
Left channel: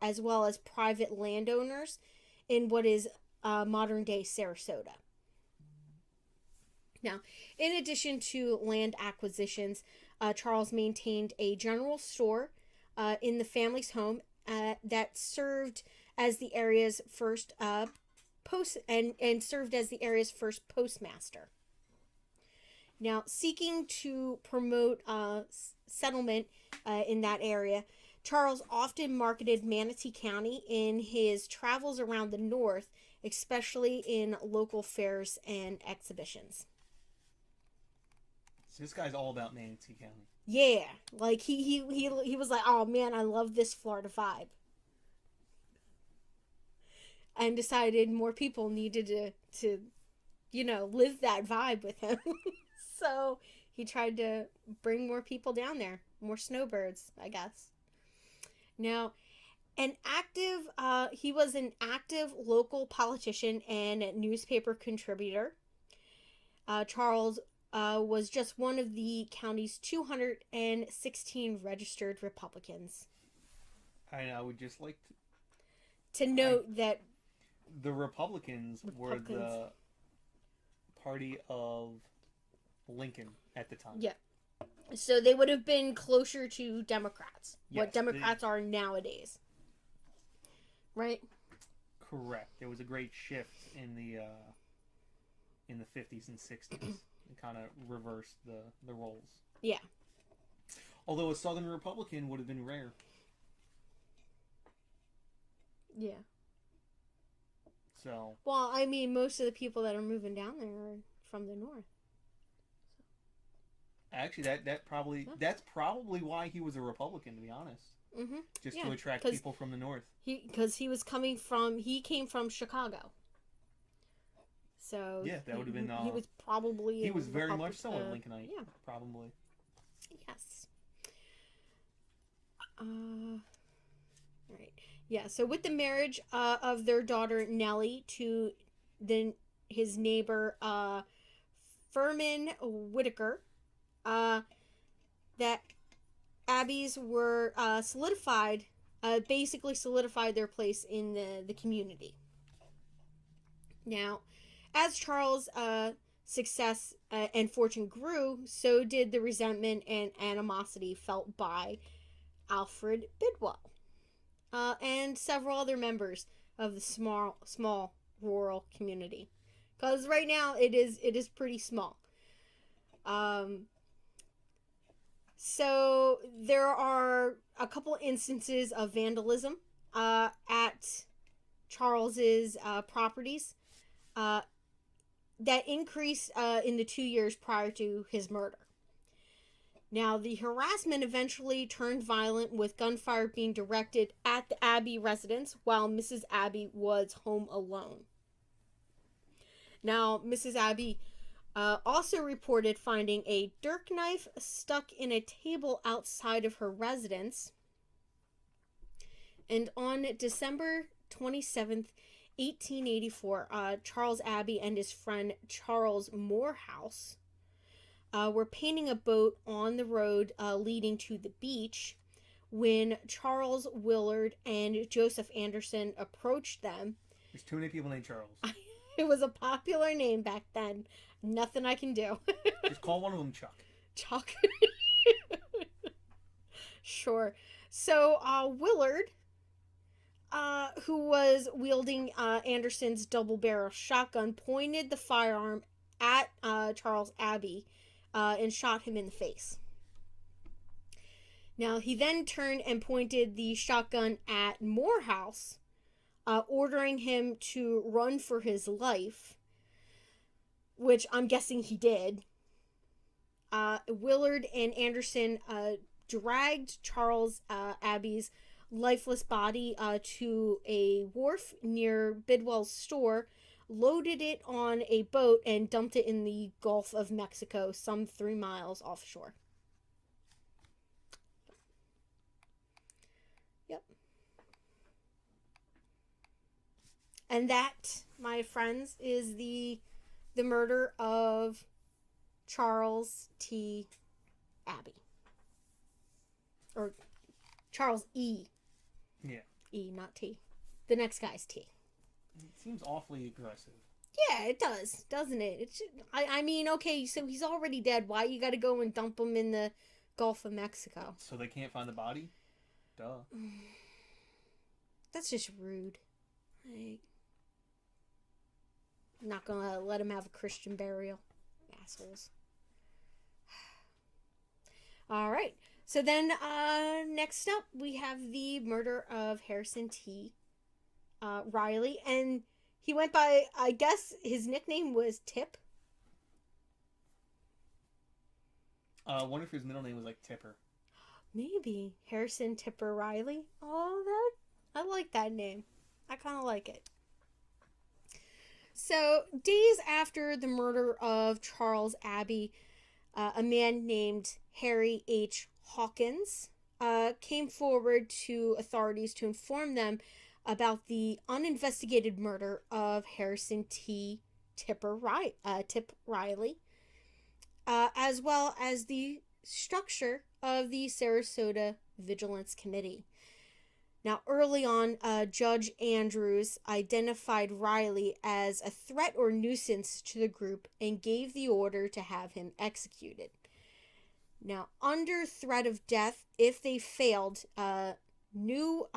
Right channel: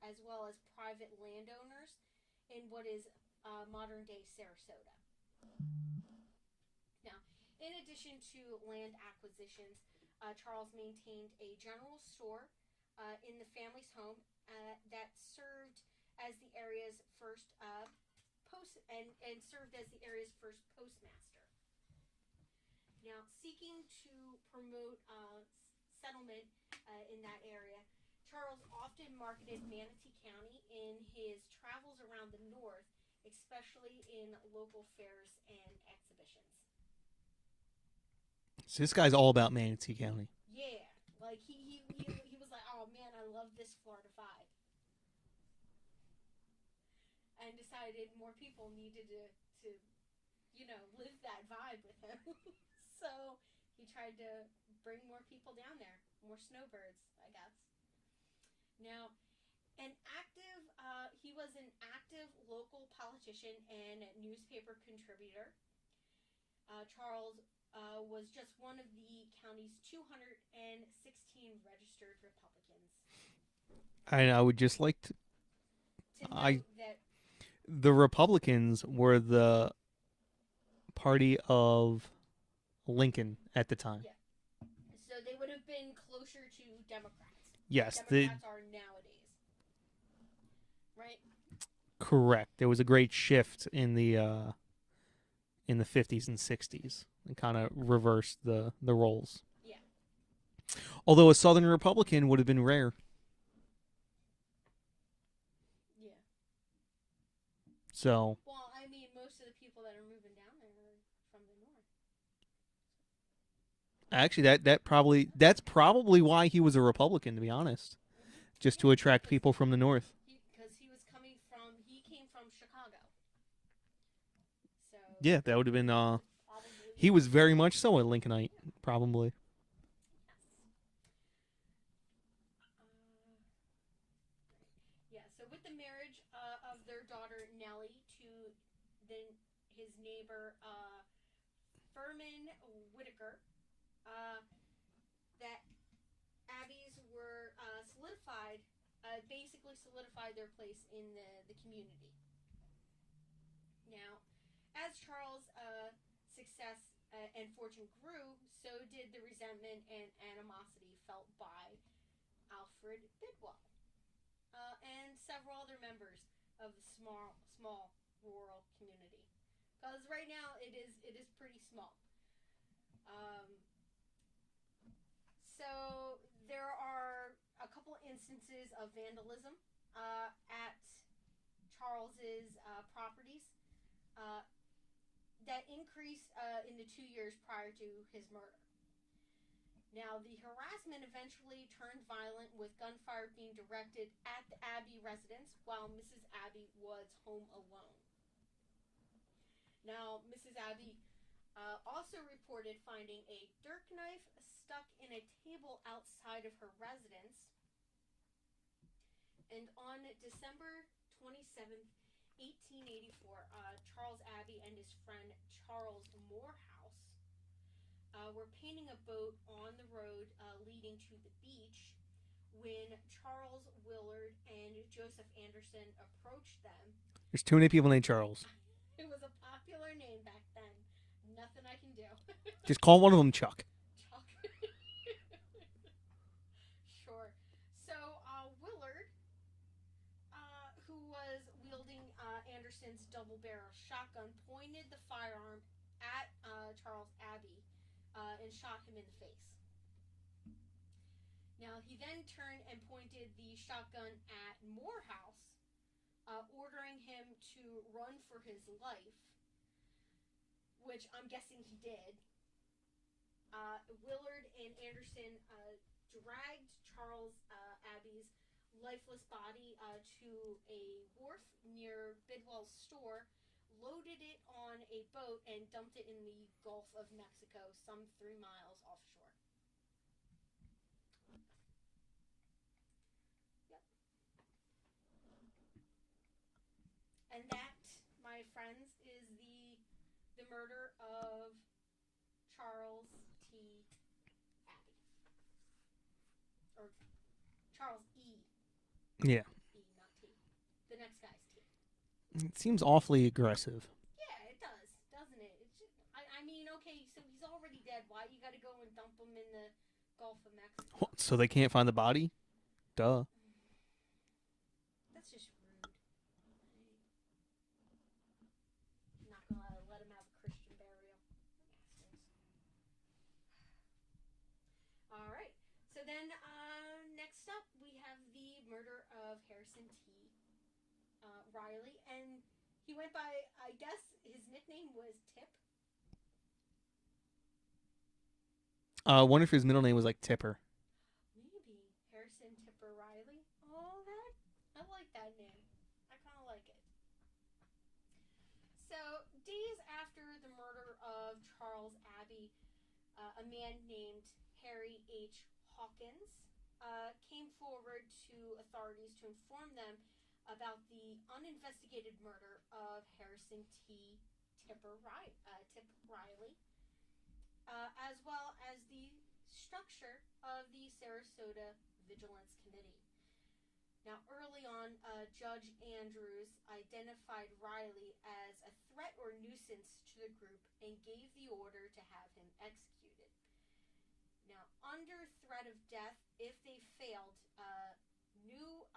as well as private landowners in what is modern-day Sarasota. Now, in addition to land acquisitions, Charles maintained a general store in the family's home that served as the area's first served as the area's first postmaster. Now, seeking to promote settlement in that area, Charles often marketed Manatee County in his travels around the north, especially in local fairs and exhibitions. So this guy's all about Manatee County. Yeah, like he was like, oh man, I love this Florida vibe, and decided more people needed to live that vibe with him. So he tried to bring more people down there, more snowbirds, I guess. Now, he was an active local politician and newspaper contributor. Charles was just one of the county's 216 registered Republicans. And I would just like to note that the Republicans were the party of Lincoln at the time. Yeah. So they would have been closer to Democrats. Yes. What Democrats are nowadays. Right? Correct. There was a great shift in the 50s and 60s. And kind of reversed the roles. Yeah. Although a Southern Republican would have been rare. Yeah. So. Well, I mean, most of the people that are moving down there are from the north. Actually, that's probably why he was a Republican, to be honest. Mm-hmm. Just to attract people from the north. Because he came from Chicago. So yeah, that would have been. He was very much so a Lincolnite, probably. Yes. Right. Yeah. So with the marriage of their daughter Nellie to his neighbor Furman Whitaker, that Abbeys were basically solidified their place in the community. Now, as Charles' success and fortune grew, so did the resentment and animosity felt by Alfred Bidwell and several other members of the small rural community. Because right now it is pretty small. So there are a couple instances of vandalism at Charles's properties that increased in the 2 years prior to his murder. Now, the harassment eventually turned violent, with gunfire being directed at the Abbey residence while Mrs. Abbey was home alone. Now, Mrs. Abbey also reported finding a dirk knife stuck in a table outside of her residence. And on December 27th, 1884, Charles Abbey and his friend Charles Morehouse were painting a boat on the road leading to the beach when Charles Willard and Joseph Anderson approached them. There's too many people named Charles. It was a popular name back then. Nothing I can do. Just call one of them Chuck. Chuck. Sure. So Willard, who was wielding Anderson's double-barrel shotgun, pointed the firearm at Charles Abbey and shot him in the face. Now, he then turned and pointed the shotgun at Morehouse, ordering him to run for his life. which I'm guessing he did, Willard and Anderson dragged Charles Abbey's lifeless body to a wharf near Bidwell's store, loaded it on a boat, and dumped it in the Gulf of Mexico, some 3 miles offshore. Yep. And that, my friends, is the murder of Charles T. Abbey. Or Charles E. Yeah. E, not T. The next guy's T. It seems awfully aggressive. Yeah, it does, doesn't it? I mean, okay, so he's already dead. Why you gotta go and dump him in the Gulf of Mexico? So they can't find the body? Duh. That's just rude. Like, not gonna let him have a Christian burial. Assholes. Alright. So then, next up, we have the murder of Harrison T. Riley. And he went by, I guess, his nickname was Tip. I wonder if his middle name was like Tipper. Maybe. Harrison Tipper Riley. Oh, I like that name. I kind of like it. So, days after the murder of Charles Abbey, a man named Harry H. Hawkins came forward to authorities to inform them about the uninvestigated murder of Harrison Tip Riley, as well as the structure of the Sarasota Vigilance Committee. Now, early on, Judge Andrews identified Riley as a threat or nuisance to the group and gave the order to have him executed. Now, under threat of death, if they failed, new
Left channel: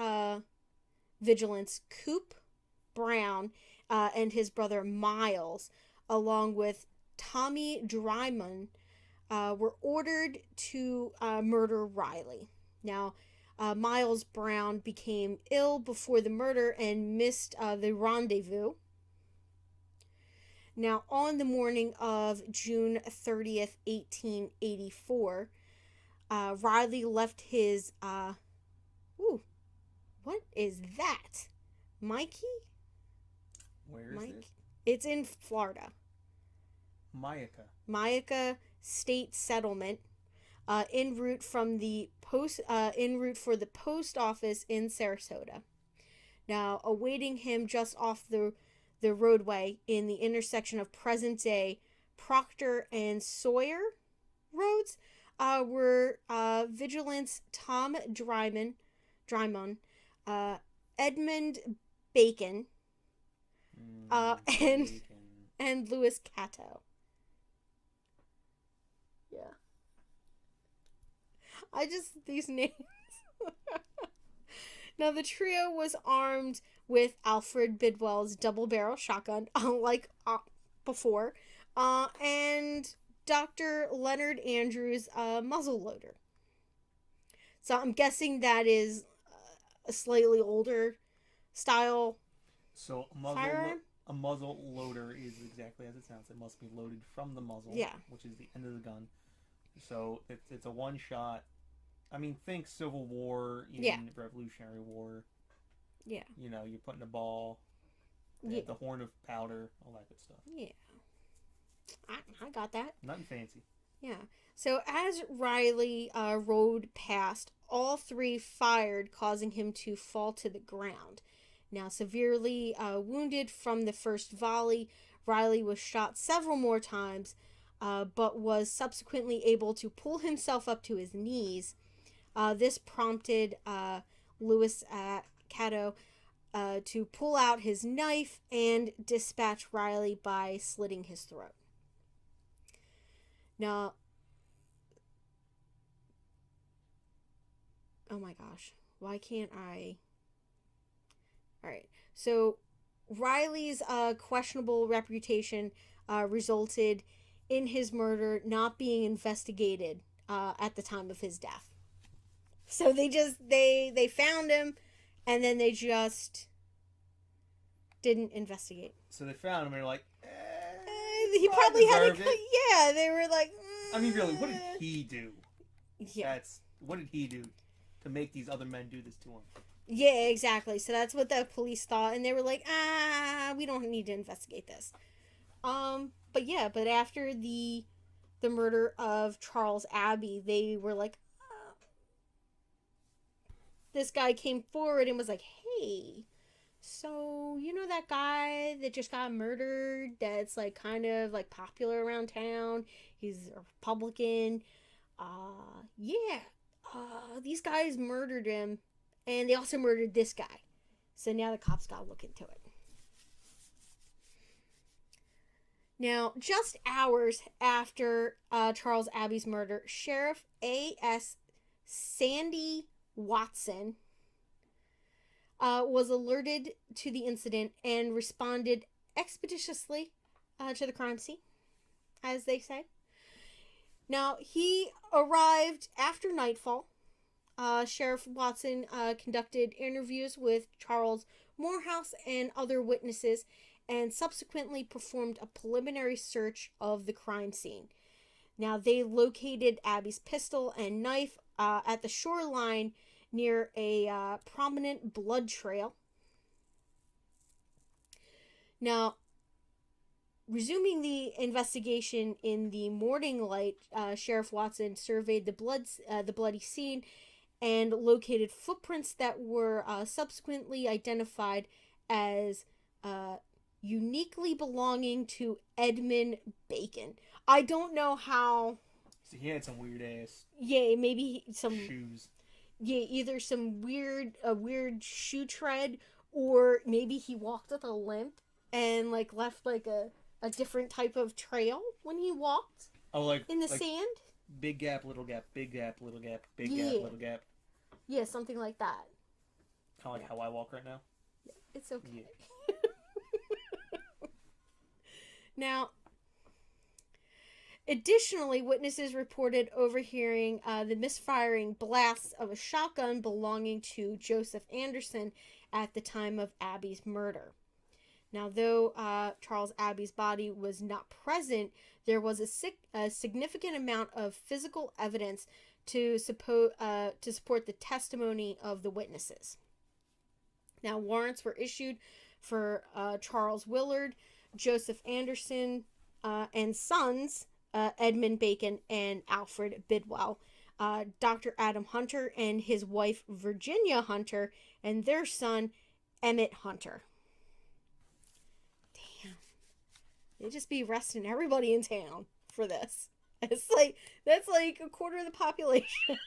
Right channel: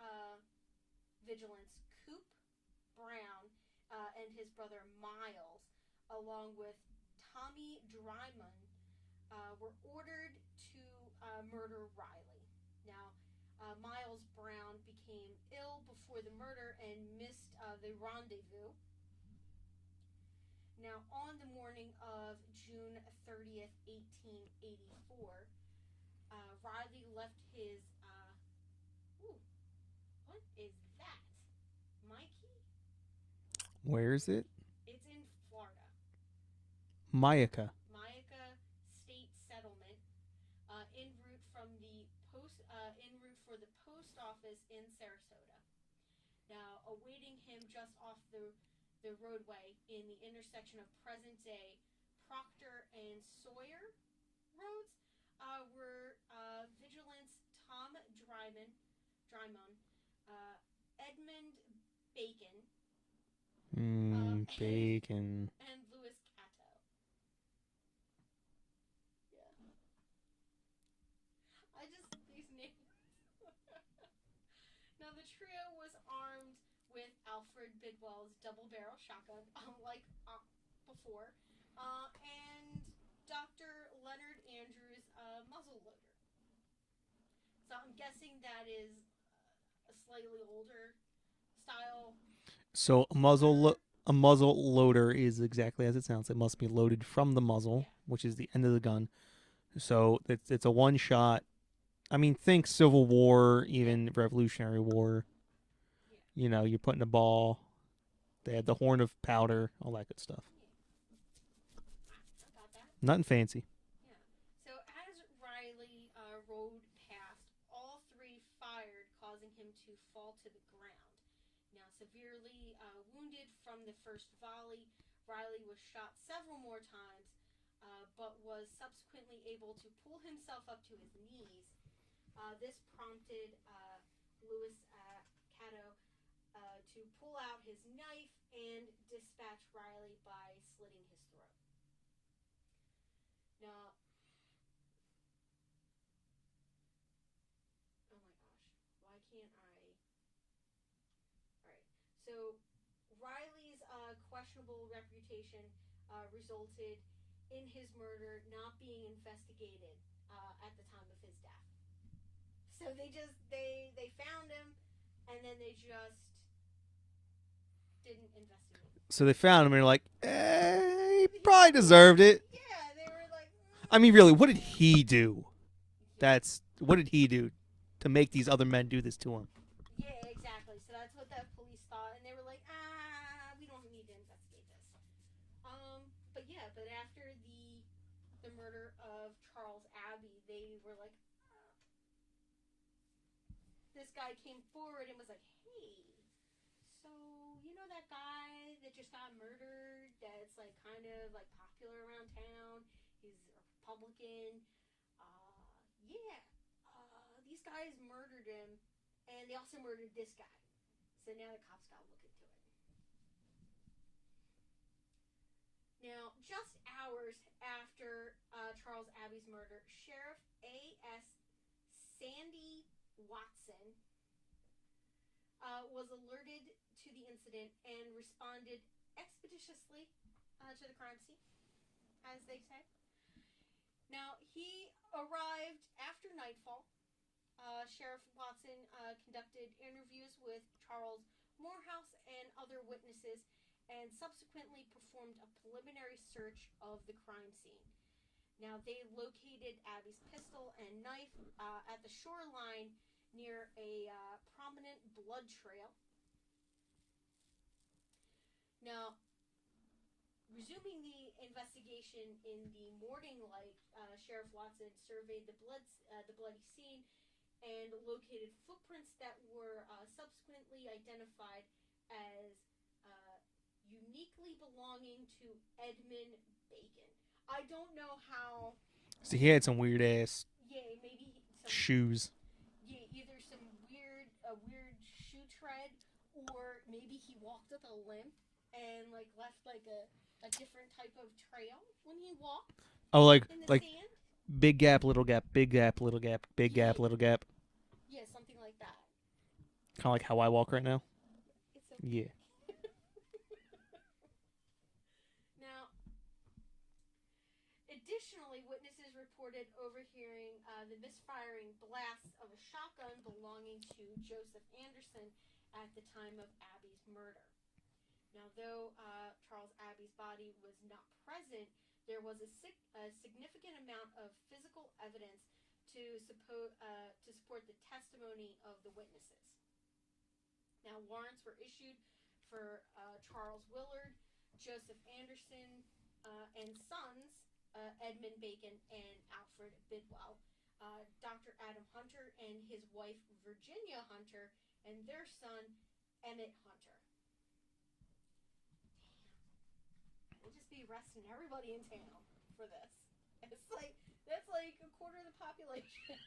vigilants Coop Brown and his brother Miles, along with Tommy Dryman, were ordered to murder Riley. Now, Miles Brown became ill before the murder and missed the rendezvous. Now, on the morning of June 30th, 1884, Riley left his, what is that? Mikey? Where is it? It's in Florida. Myakka State Settlement, en route from the en route for the post office in Sarasota. Now, awaiting him just off the roadway in the intersection of present-day Proctor and Sawyer roads were vigilants Tom Drymon, Edmund Bacon, and Louis Cato. Yeah. These names. Now, the trio was armed with Alfred Bidwell's double-barrel shotgun, unlike before, and Dr. Leonard Andrews' muzzleloader. So I'm guessing that is a slightly older style. So a muzzle loader is exactly as it sounds. It must be loaded from the muzzle, which is the end of the gun. So it's a one shot. I mean, think Civil War, even Revolutionary War. Yeah. You know, you're putting a ball. They had the horn of powder, all that good stuff. Yeah. I got that. Nothing fancy. Yeah. So as Riley rode past, all three fired, causing him to fall to the ground. Now, severely wounded from the first volley, Riley was shot several more times, but was subsequently able to pull himself up to his knees. This prompted Louis Cato to pull out his knife and dispatch Riley by slitting his throat. Now, oh my gosh, why can't I? Alright, so Riley's questionable reputation resulted in his murder not being investigated at the time of his death. So they found him, and then they just didn't investigate. So they found him, and they're like, he probably deserved it. Yeah, they were like. I mean, really, what did he do? Yeah. What did he do to make these other men do this to him? Yeah, exactly. So that's what the police thought, and they were like, we don't need to investigate this. But after the murder of Charles Abbey, they were like, this guy came forward and was like, hey, so you know that guy that just got murdered that's like kind of like popular around town? He's a Republican. These guys murdered him, and they also murdered this guy. So now the cops got to look into it. Now, just hours after Charles Abbey's murder, Sheriff A.S. Sandy Watson was alerted to the incident and responded expeditiously to the crime scene, as they say. Now, he arrived after nightfall. Sheriff Watson conducted interviews with Charles Morehouse and other witnesses and subsequently performed a preliminary search of the crime scene. Now, they located Abbey's pistol and knife at the shoreline near a prominent blood trail. Now, resuming the investigation in the morning light, Sheriff Watson surveyed the bloody scene and located footprints that were subsequently identified as uniquely belonging to Edmund Bacon. I don't know how. So he had some weird ass. Yeah, maybe some shoes. Yeah, either some weird shoe tread, or maybe he walked with a limp and like left like a different type of trail when he walked. Oh, like in the like sand. Big gap, little gap, big gap, little gap, big gap, little gap. Yeah, something like that. Kind of like how I walk right now. It's okay. Yeah. Now, additionally, witnesses reported overhearing the misfiring blasts of a shotgun belonging to Joseph Anderson at the time of Abbey's murder. Now, though Charles Abbey's body was not present, there was a significant amount of physical evidence to support the testimony of the witnesses. Now, warrants were issued for Charles Willard, Joseph Anderson, and sons, Edmund Bacon and Alfred Bidwell, Dr. Adam Hunter and his wife Virginia Hunter, and their son Emmett Hunter. Damn. They just be arresting everybody in town for this. It's like, that's like a quarter of the population.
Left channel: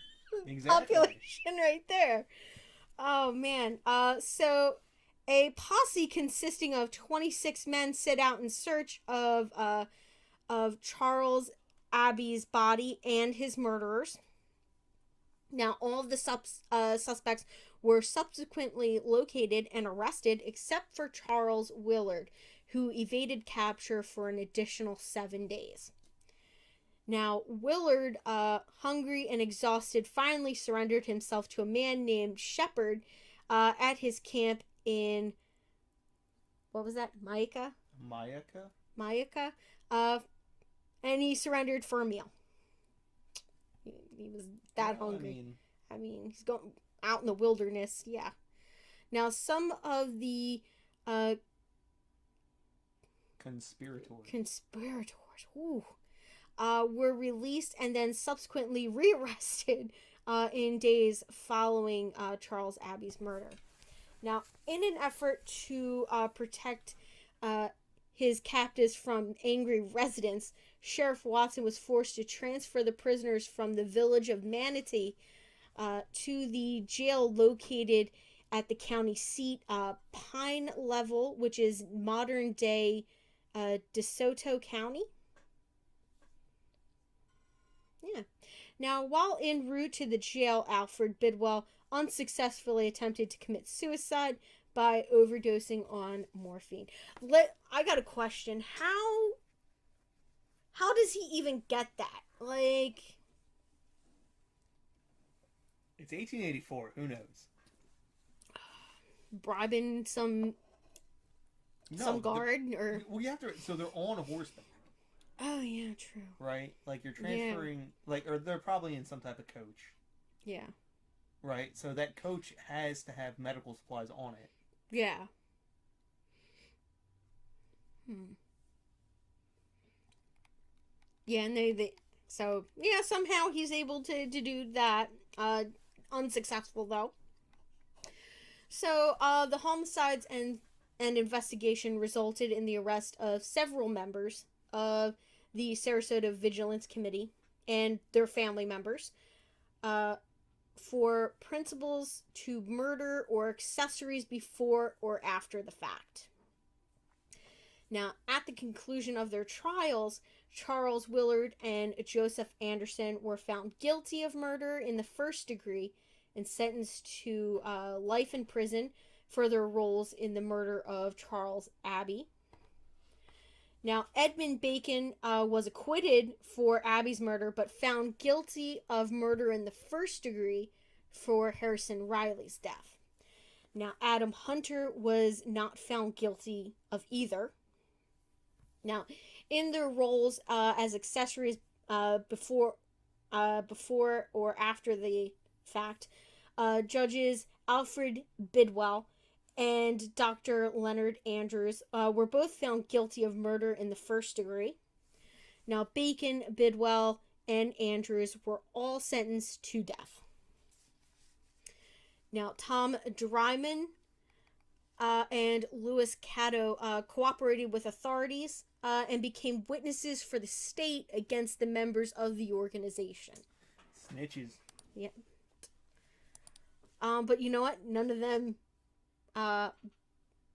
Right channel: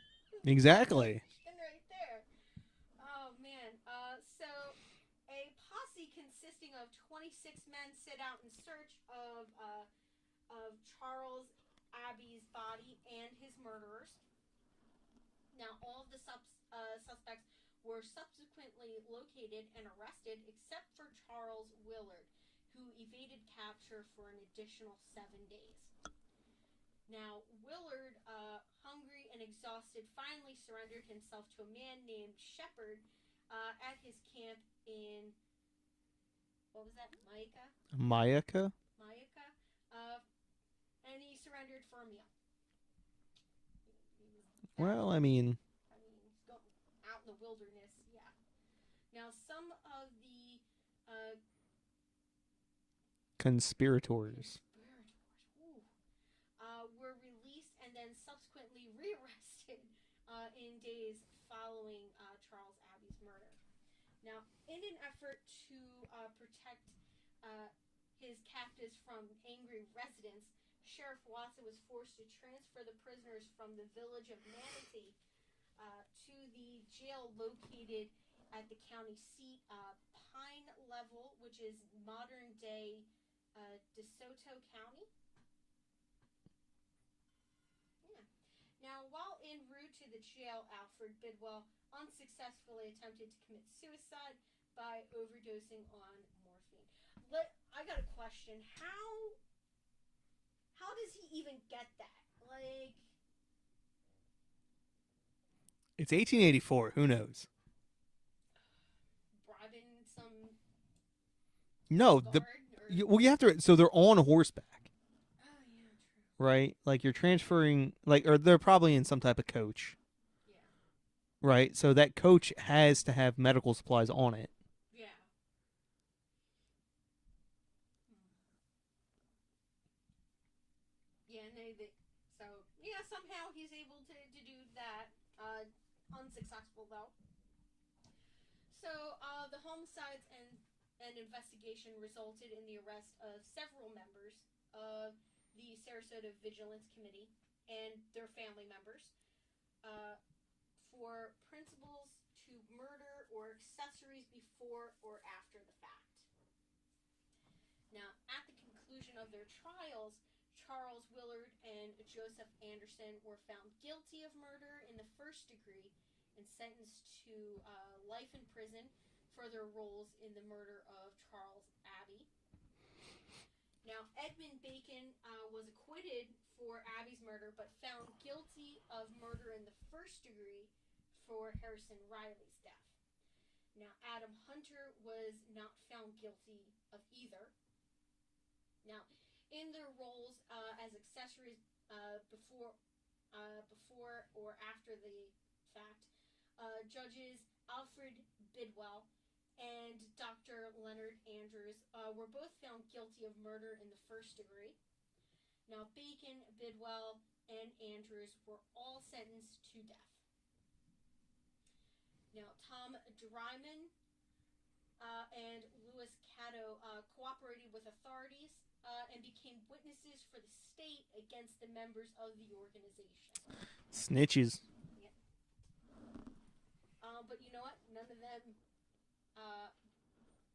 Exactly. Population right there. Oh, man. So a posse consisting of 26 men set out in search of Charles Abbey's body and his murderers. Now, all of the suspects were subsequently located and arrested except for Charles Willard, who evaded capture for an additional 7 days. Now, Willard, hungry and exhausted, finally surrendered himself to a man named Shepard at his camp in, what was that, Mayaca? And he surrendered for a meal. He was that hungry. I mean, he's going out in the wilderness, yeah. Now, some of the conspirators, ooh, were released and then subsequently rearrested in days following Charles Abbey's murder. Now, in an effort to protect his captives from angry residents, Sheriff Watson was forced to transfer the prisoners from the village of Manatee to the jail located at the county seat, Pine Level, which is modern-day DeSoto County. Yeah. Now, while en route to the jail, Alfred Bidwell unsuccessfully attempted to commit suicide by overdosing on morphine. I got a question. How does he even get that? Like, it's 1884. Who knows? Bribing some guard? or... Well, you have to... So they're on horseback. Oh, yeah, true. right? Like you're transferring, like, or they're probably in some type of coach, Yeah. right? So that coach has to have medical supplies on it. Yeah. Hmm. Yeah, and so yeah, somehow he's able to do that. Unsuccessful though. So the homicides and investigation resulted in the arrest of several members of the Sarasota Vigilance Committee and their family members uh, for principles to murder or accessories before or after the fact. Now, at the conclusion of their trials, Charles Willard and Joseph Anderson were found guilty of murder in the first degree and sentenced to life in prison for their roles in the murder of Charles Abbey. Now, Edmund Bacon was acquitted for Abbey's murder, but found guilty of murder in the first degree for Harrison Riley's death. Now, Adam Hunter was not found guilty of either. Now, in their roles as accessories before or after the fact, judges Alfred Bidwell and Dr. Leonard Andrews were both found guilty of murder in the first degree. Now, Bacon, Bidwell, and Andrews were all sentenced to death. Now, Tom Dryman and Louis Caddo cooperated with authorities and became witnesses for the state against the members of the organization. Snitches. Yep. But you know what? None of them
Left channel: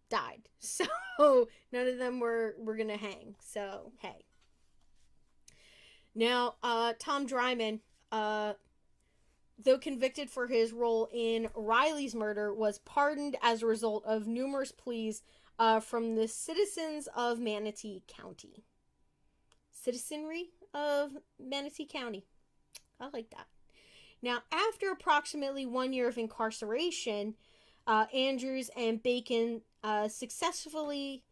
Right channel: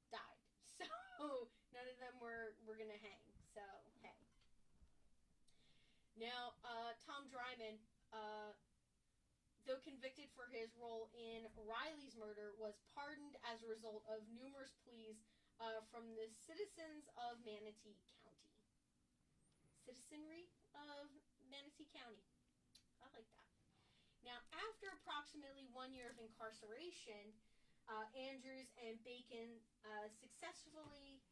died. So none of them were gonna hang. So hey. Now, Tom Dryman, though convicted for his role in Riley's murder, was pardoned as a result of numerous pleas from the citizens of Manatee County. Citizenry of Manatee County. I like that. Now, after approximately 1 year of incarceration, Andrews and Bacon successfully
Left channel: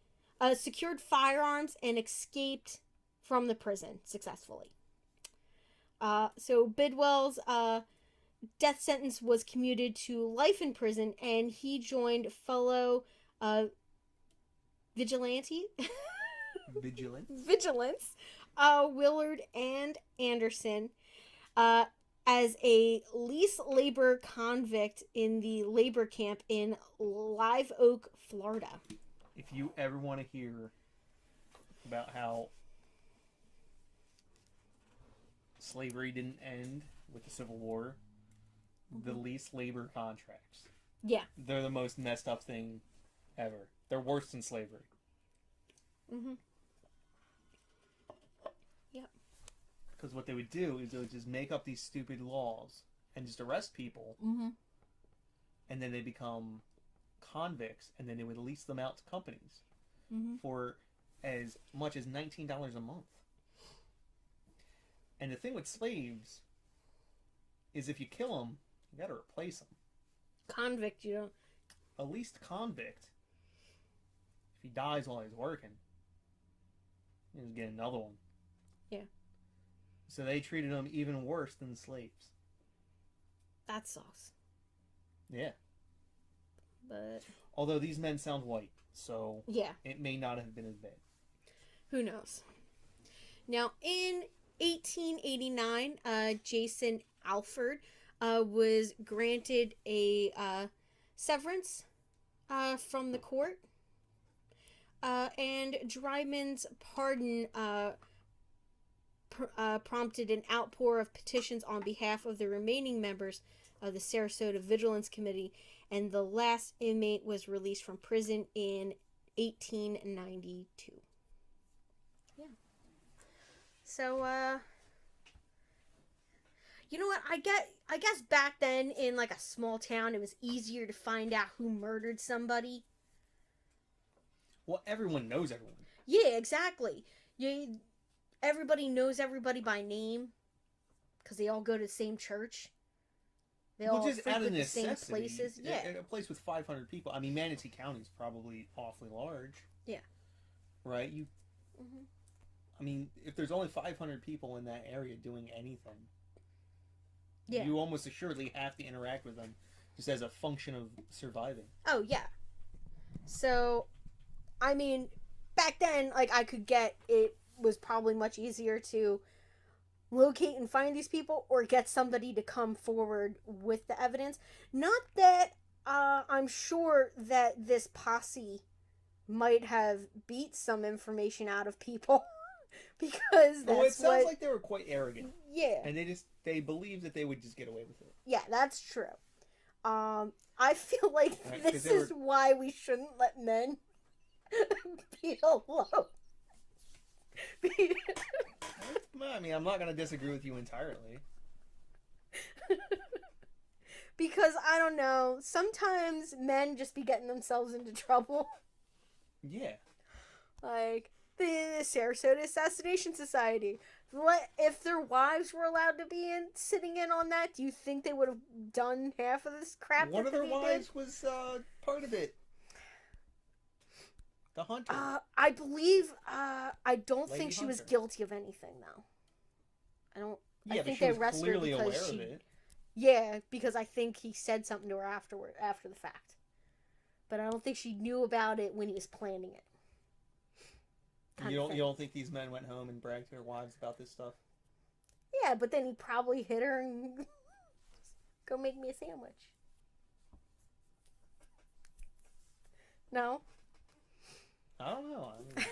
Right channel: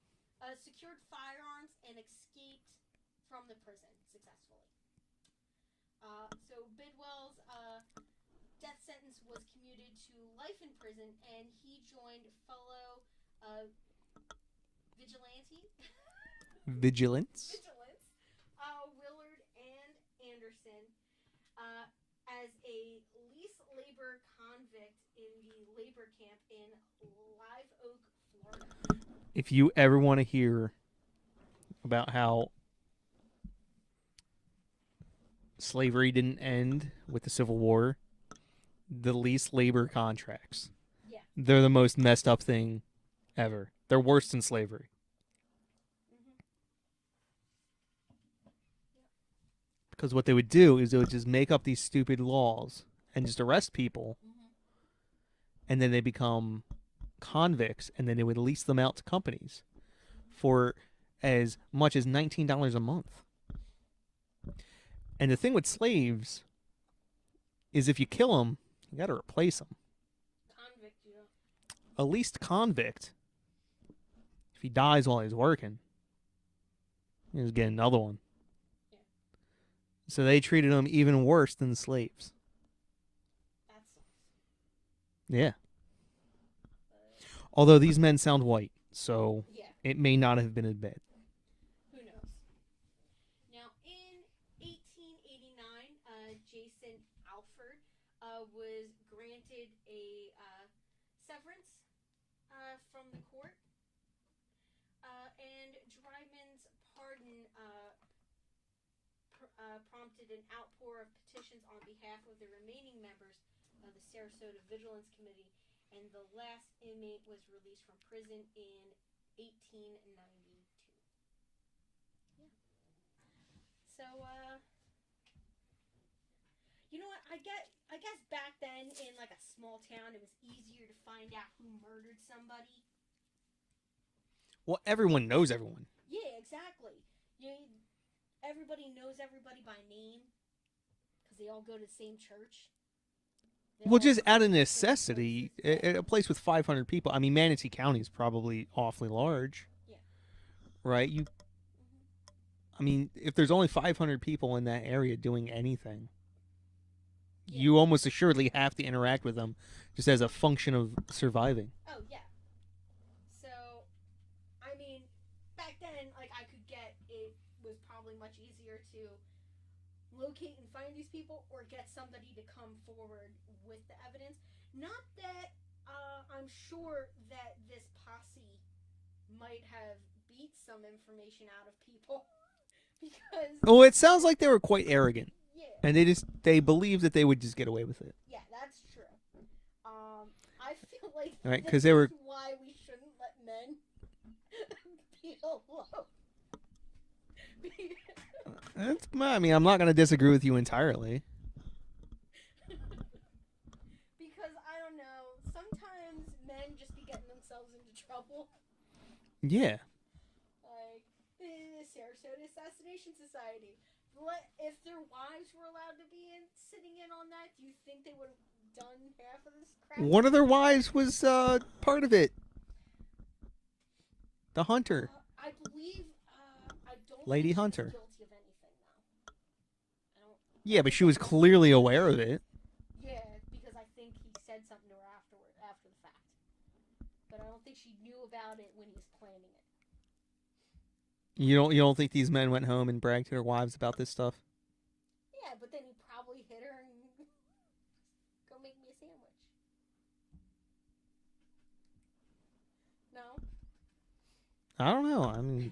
secured firearms and escaped from the prison successfully. So Bidwell's death sentence was commuted to life in prison, and he joined fellow vigilance, Willard and Anderson, as a lease labor convict in the labor camp in Live Oak, Florida. If you ever want to hear about how slavery didn't end with the Civil War, the lease labor contracts. Yeah. They're the most messed up thing ever. They're worse than slavery. Mm-hmm. Yep. Because what they would do is they would just make up these stupid laws and just arrest people. Mm-hmm. And then they become convicts, and then they would lease them out to companies for as much as $19 a month. And the thing with slaves is if you kill them, you got to replace them. Convict, you don't. A leased convict, if he dies while he's working, you just get another one. Yeah. So they treated them even worse than slaves. That sucks. Yeah. But although these men sound white, so yeah, it may not have been as bad. Who knows? Now, in 1889, Jason Alford was granted a severance from the court, and Dryman's pardon prompted an outpour of petitions on behalf of the remaining members of the Sarasota Vigilance Committee, and the last inmate was released from prison in 1892. Yeah. So, you know what? I guess back then in like a small town, it was easier to find out who murdered somebody. Well, everyone knows everyone. Yeah, exactly. Everybody knows everybody by name because they all go to the same church. Well, just out of necessity, a place with 500 people. I mean, Manatee County is probably awfully large. Yeah. Right? I mean, if there's only 500 people in that area doing anything, Yeah. you almost assuredly have to interact with them just as a function of surviving. Oh, yeah. So, I mean, back then, like, I could get it was probably much easier to locate and find these people or get somebody to come forward with the evidence. Not that I'm sure that this posse might have beat some information out of people because Oh, it sounds like they were quite arrogant. Yeah. And they believed that they would just get away with it. Yeah, that's true. I feel like Right, this is why we shouldn't let men be alone. I mean, I'm not going to disagree with you entirely. Because, I don't know, sometimes men just be getting themselves into trouble. Yeah. Like, the Sarasota Assassination Society. If their wives were allowed to be sitting in on that, do you think they would have done half of this crap? One of their wives was part of it. The hunter. I believe, I don't Lady think she Hunter. was guilty of anything, though. Yeah, but she was clearly aware of it. Yeah, because I think he said something to her after the fact. But I don't think she knew about it when he was planning it. You don't think these men went home and bragged to their wives about this stuff? Yeah, but then he probably hit her and go make me a sandwich. No? I don't know. I mean,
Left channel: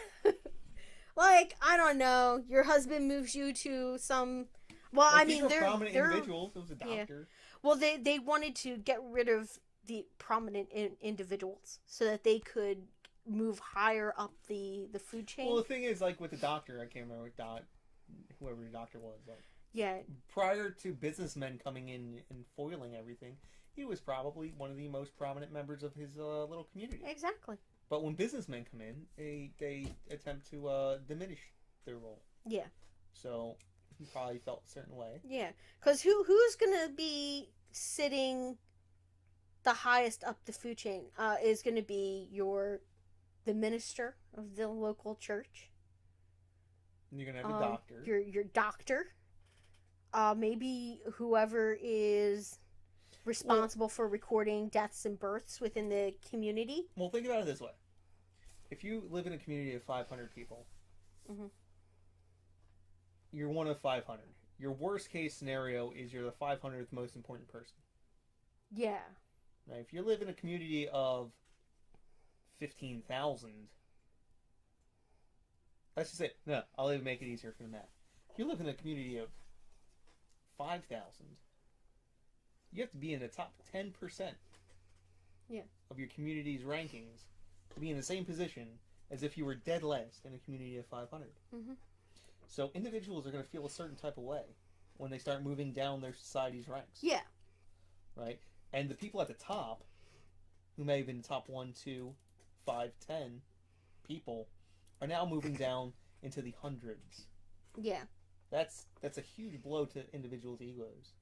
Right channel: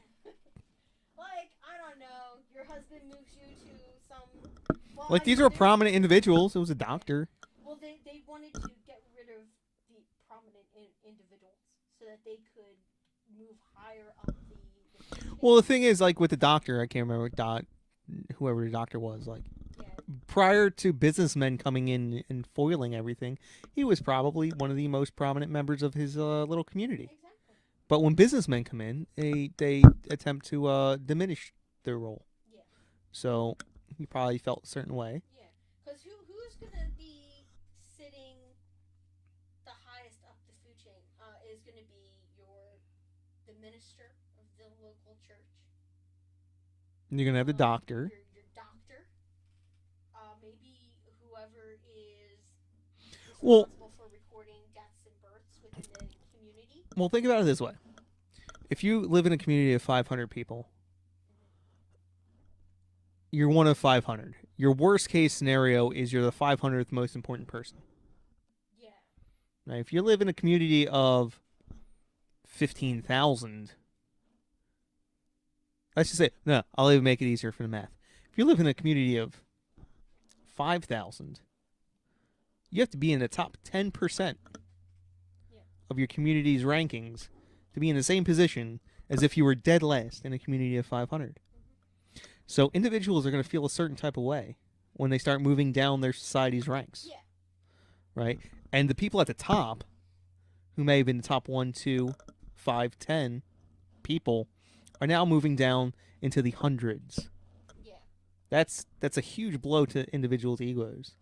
like, I don't know. Your husband moves you to some. Well, like, these were prominent individuals. It was a doctor. Yeah. Well, they wanted to get rid of the prominent individuals so that they could move higher up the food chain. Well, the thing is, like, with the doctor, I can't remember whoever the doctor was. Like, yeah. Prior to businessmen coming in and foiling everything, he was probably one of the most prominent members of his little community. Exactly. But when businessmen come in, they attempt to diminish their role. Yeah. So he probably felt a certain way. Yeah, because who's gonna be sitting the highest up the food chain? Is gonna be the minister of the local church. You're gonna have the doctor. Your doctor. Maybe whoever is responsible for recording deaths and births within the community. Well, think about it this way. If you live in a community of 500 people, you're one of 500. Your worst case scenario is you're the 500th most important person. Yeah. Now, if you live in a community of 15,000, let's just say, no, I'll even make it easier for the math. If you live in a community of 5,000, you have to be in the top 10% of your community's rankings to be in the same position as if you were dead last in a community of 500. So individuals are going to feel a certain type of way when they start moving down their society's ranks. Yeah. Right? And the people at the top, who may have been the top 1, 2, 5, 10 people, are now moving down into the hundreds. Yeah. That's a huge blow to individuals' egos.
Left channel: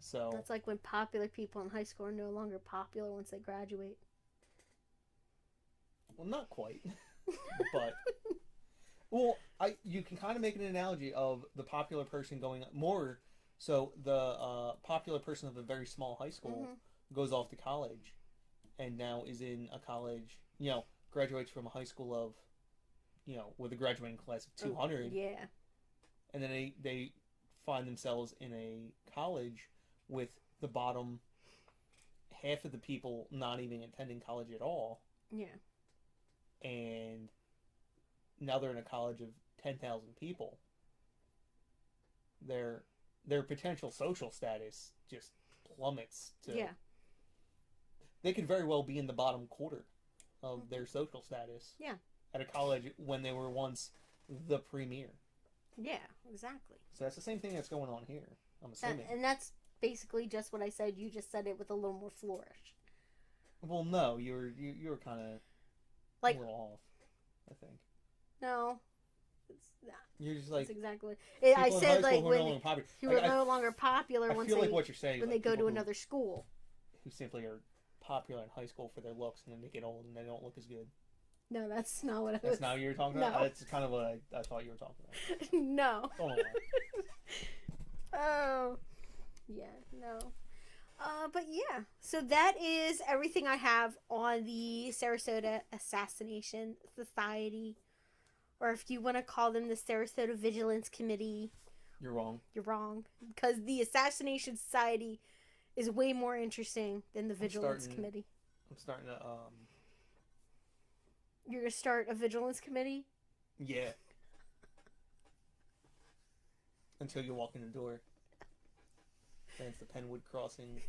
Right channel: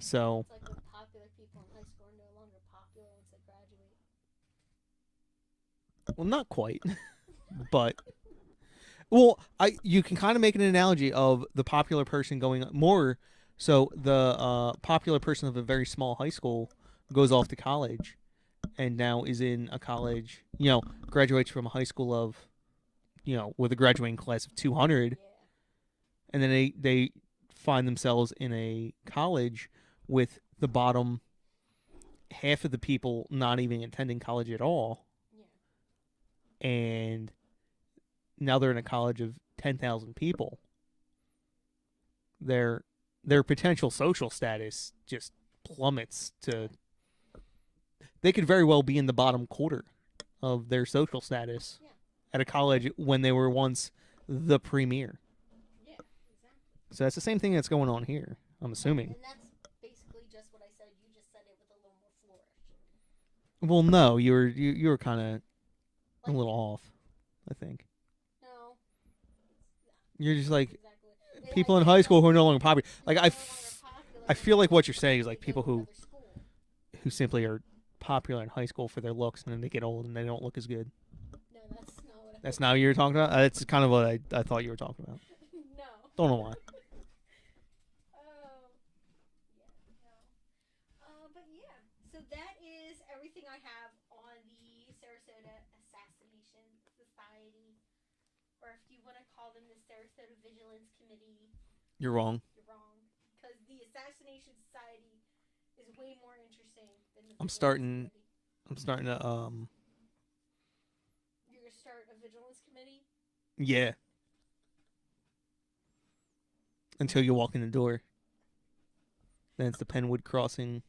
So it's like when popular people in high school are no longer popular once they graduate. Well, not quite, but you can kind of make an analogy of the popular person going more. So the popular person of a very small high school goes off to college, and now is in a college. Graduates from a high school of, with a graduating class of 200. Yeah. And then they find themselves in a college with the bottom half of the people not even attending college at all. Yeah. And now they're in a college of 10,000 people. Their potential social status just plummets to... Yeah. They could very well be in the bottom quarter of their social status. Yeah. At a college when they were once the premier. Yeah, exactly. So that's the same thing that's going on here, I'm assuming. And that's basically just what I said. You just said it with a little more flourish. Well, no, you were kind of a little off, I think. No. You're just like exactly. people in high school who are no longer popular. Like no longer popular. I feel like what you're saying is like people who another school who simply are popular in high school for their looks, and then they get old and they don't look as good. No, that's not what I That's not what you were talking about? No. That's kind of what I thought you were talking about. No. Don't know why. Oh. Yeah, no. But yeah, so that is everything I have on the Sarasota Assassination Society, or if you want to call them the Sarasota Vigilance Committee. You're wrong. You're wrong, because the Assassination Society is way more interesting than the Vigilance Committee. I'm starting to You're gonna start a Vigilance Committee? Yeah. Until you walk in the door. Then it's the Penwood Crossing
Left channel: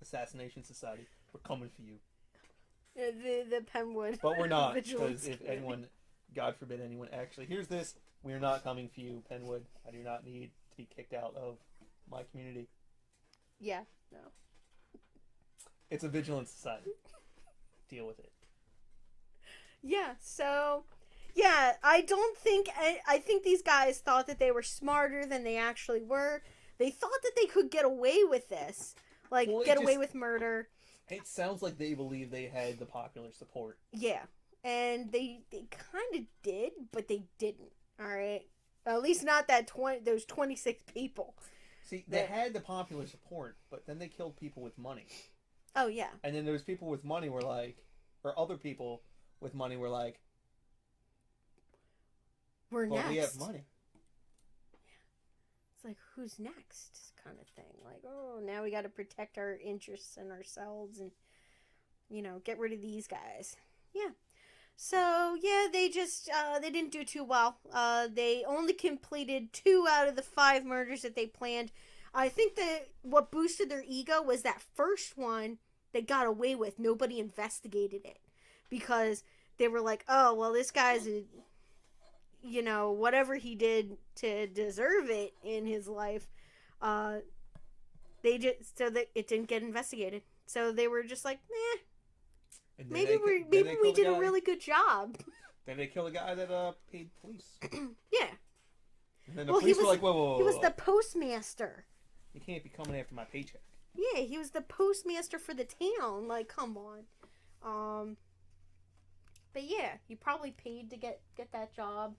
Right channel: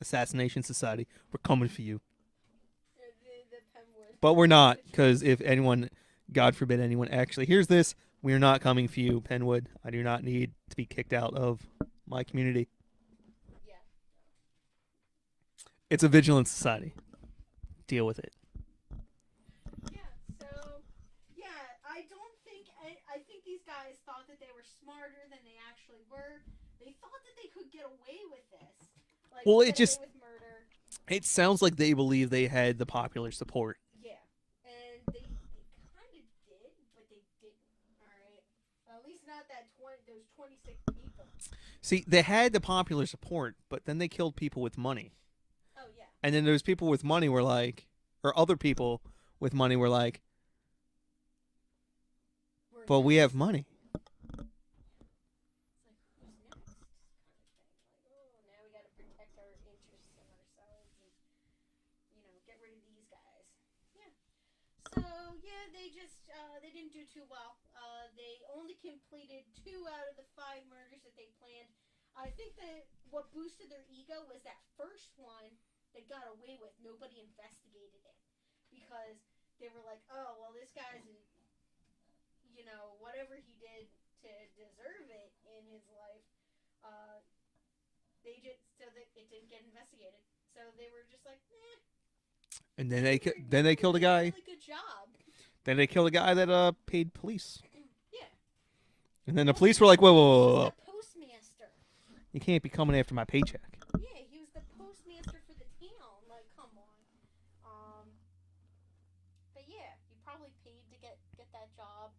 Assassination Society. We're coming for you. The Penwood. But we're not, because if anyone, God forbid anyone actually hears this, we are not coming for you, Penwood. I do not need to be kicked out of my community. Yeah, no. It's a vigilance society. Deal with it. Yeah, so... Yeah, I think these guys thought that they were smarter than they actually were. They thought that they could get away with this. Like, get away with murder. It sounds like they believe they had the popular support. Yeah, and they kind of did, but they didn't, alright? At least not those 26 people. See, they had the popular support, but then they killed people with money. Oh, yeah. And then those people with money were like, or other people with money were like, we have money. It's like, who's next kind of thing. Like, oh, now we got to protect our interests and ourselves and, get rid of these guys. Yeah. So, yeah, they just, they didn't do too well. They only completed 2 out of the 5 murders that they planned. I think that what boosted their ego was that first one they got away with. Nobody investigated it. Because they were like, oh, well, this guy's whatever he did to deserve it in his life, they just, so that it didn't get investigated. So they were just like, meh. And then they killed a guy. Did a really good job. Then they killed a guy that paid police. Yeah. And then the police were like, whoa. He was the postmaster. You can't be coming after my paycheck. Yeah, he was the postmaster for the town. Like, come on. But yeah, he probably paid to get that job.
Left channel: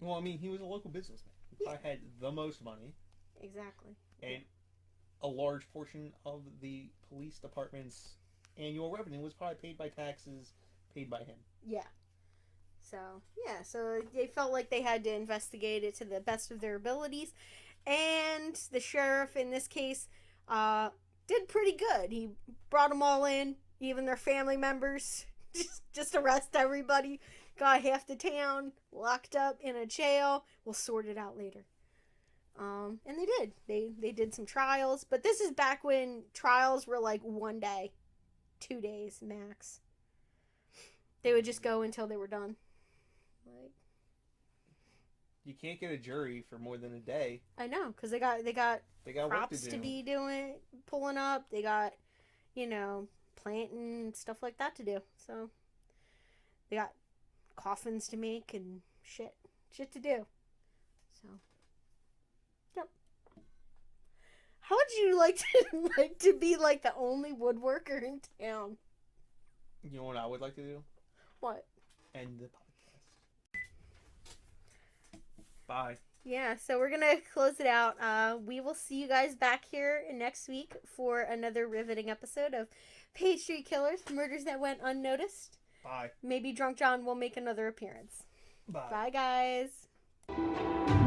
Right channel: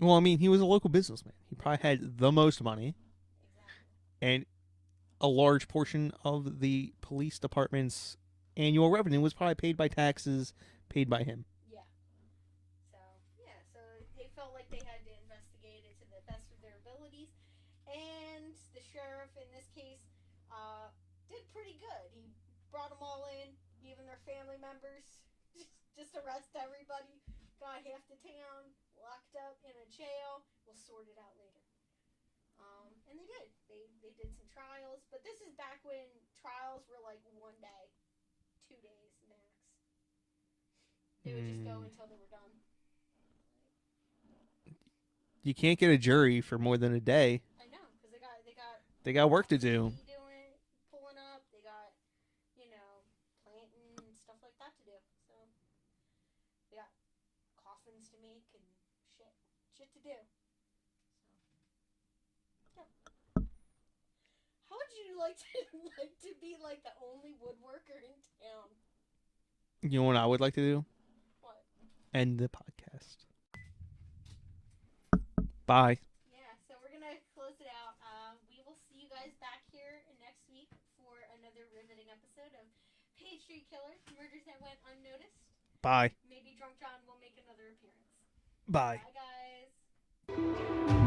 Well, I mean, he was a local businessman. He probably had the most money. Exactly. And a large portion of the police department's annual revenue was probably paid by taxes paid by him. Yeah. So they felt like they had to investigate it to the best of their abilities. And the sheriff, in this case, did pretty good. He brought them all in, even their family members. Just arrest everybody. Got half the town locked up in a jail. We'll sort it out later. And they did. They did some trials, but this is back when trials were like 1 day, 2 days max. They would just go until they were done. Like, you can't get a jury for more than a day. I know, because they got work to do. To be pulling up. They got, planting and stuff like that to do. So they got coffins to make and shit to do. So, yep. How would you like to be like the only woodworker in town? You know what I would like to do? What? End the podcast. Bye. Yeah, so we're gonna close it out. We will see you guys back here next week for another riveting episode of Page Street Killers, Murders That Went Unnoticed. Bye. Maybe Drunk John will make another appearance. Bye. Bye, guys.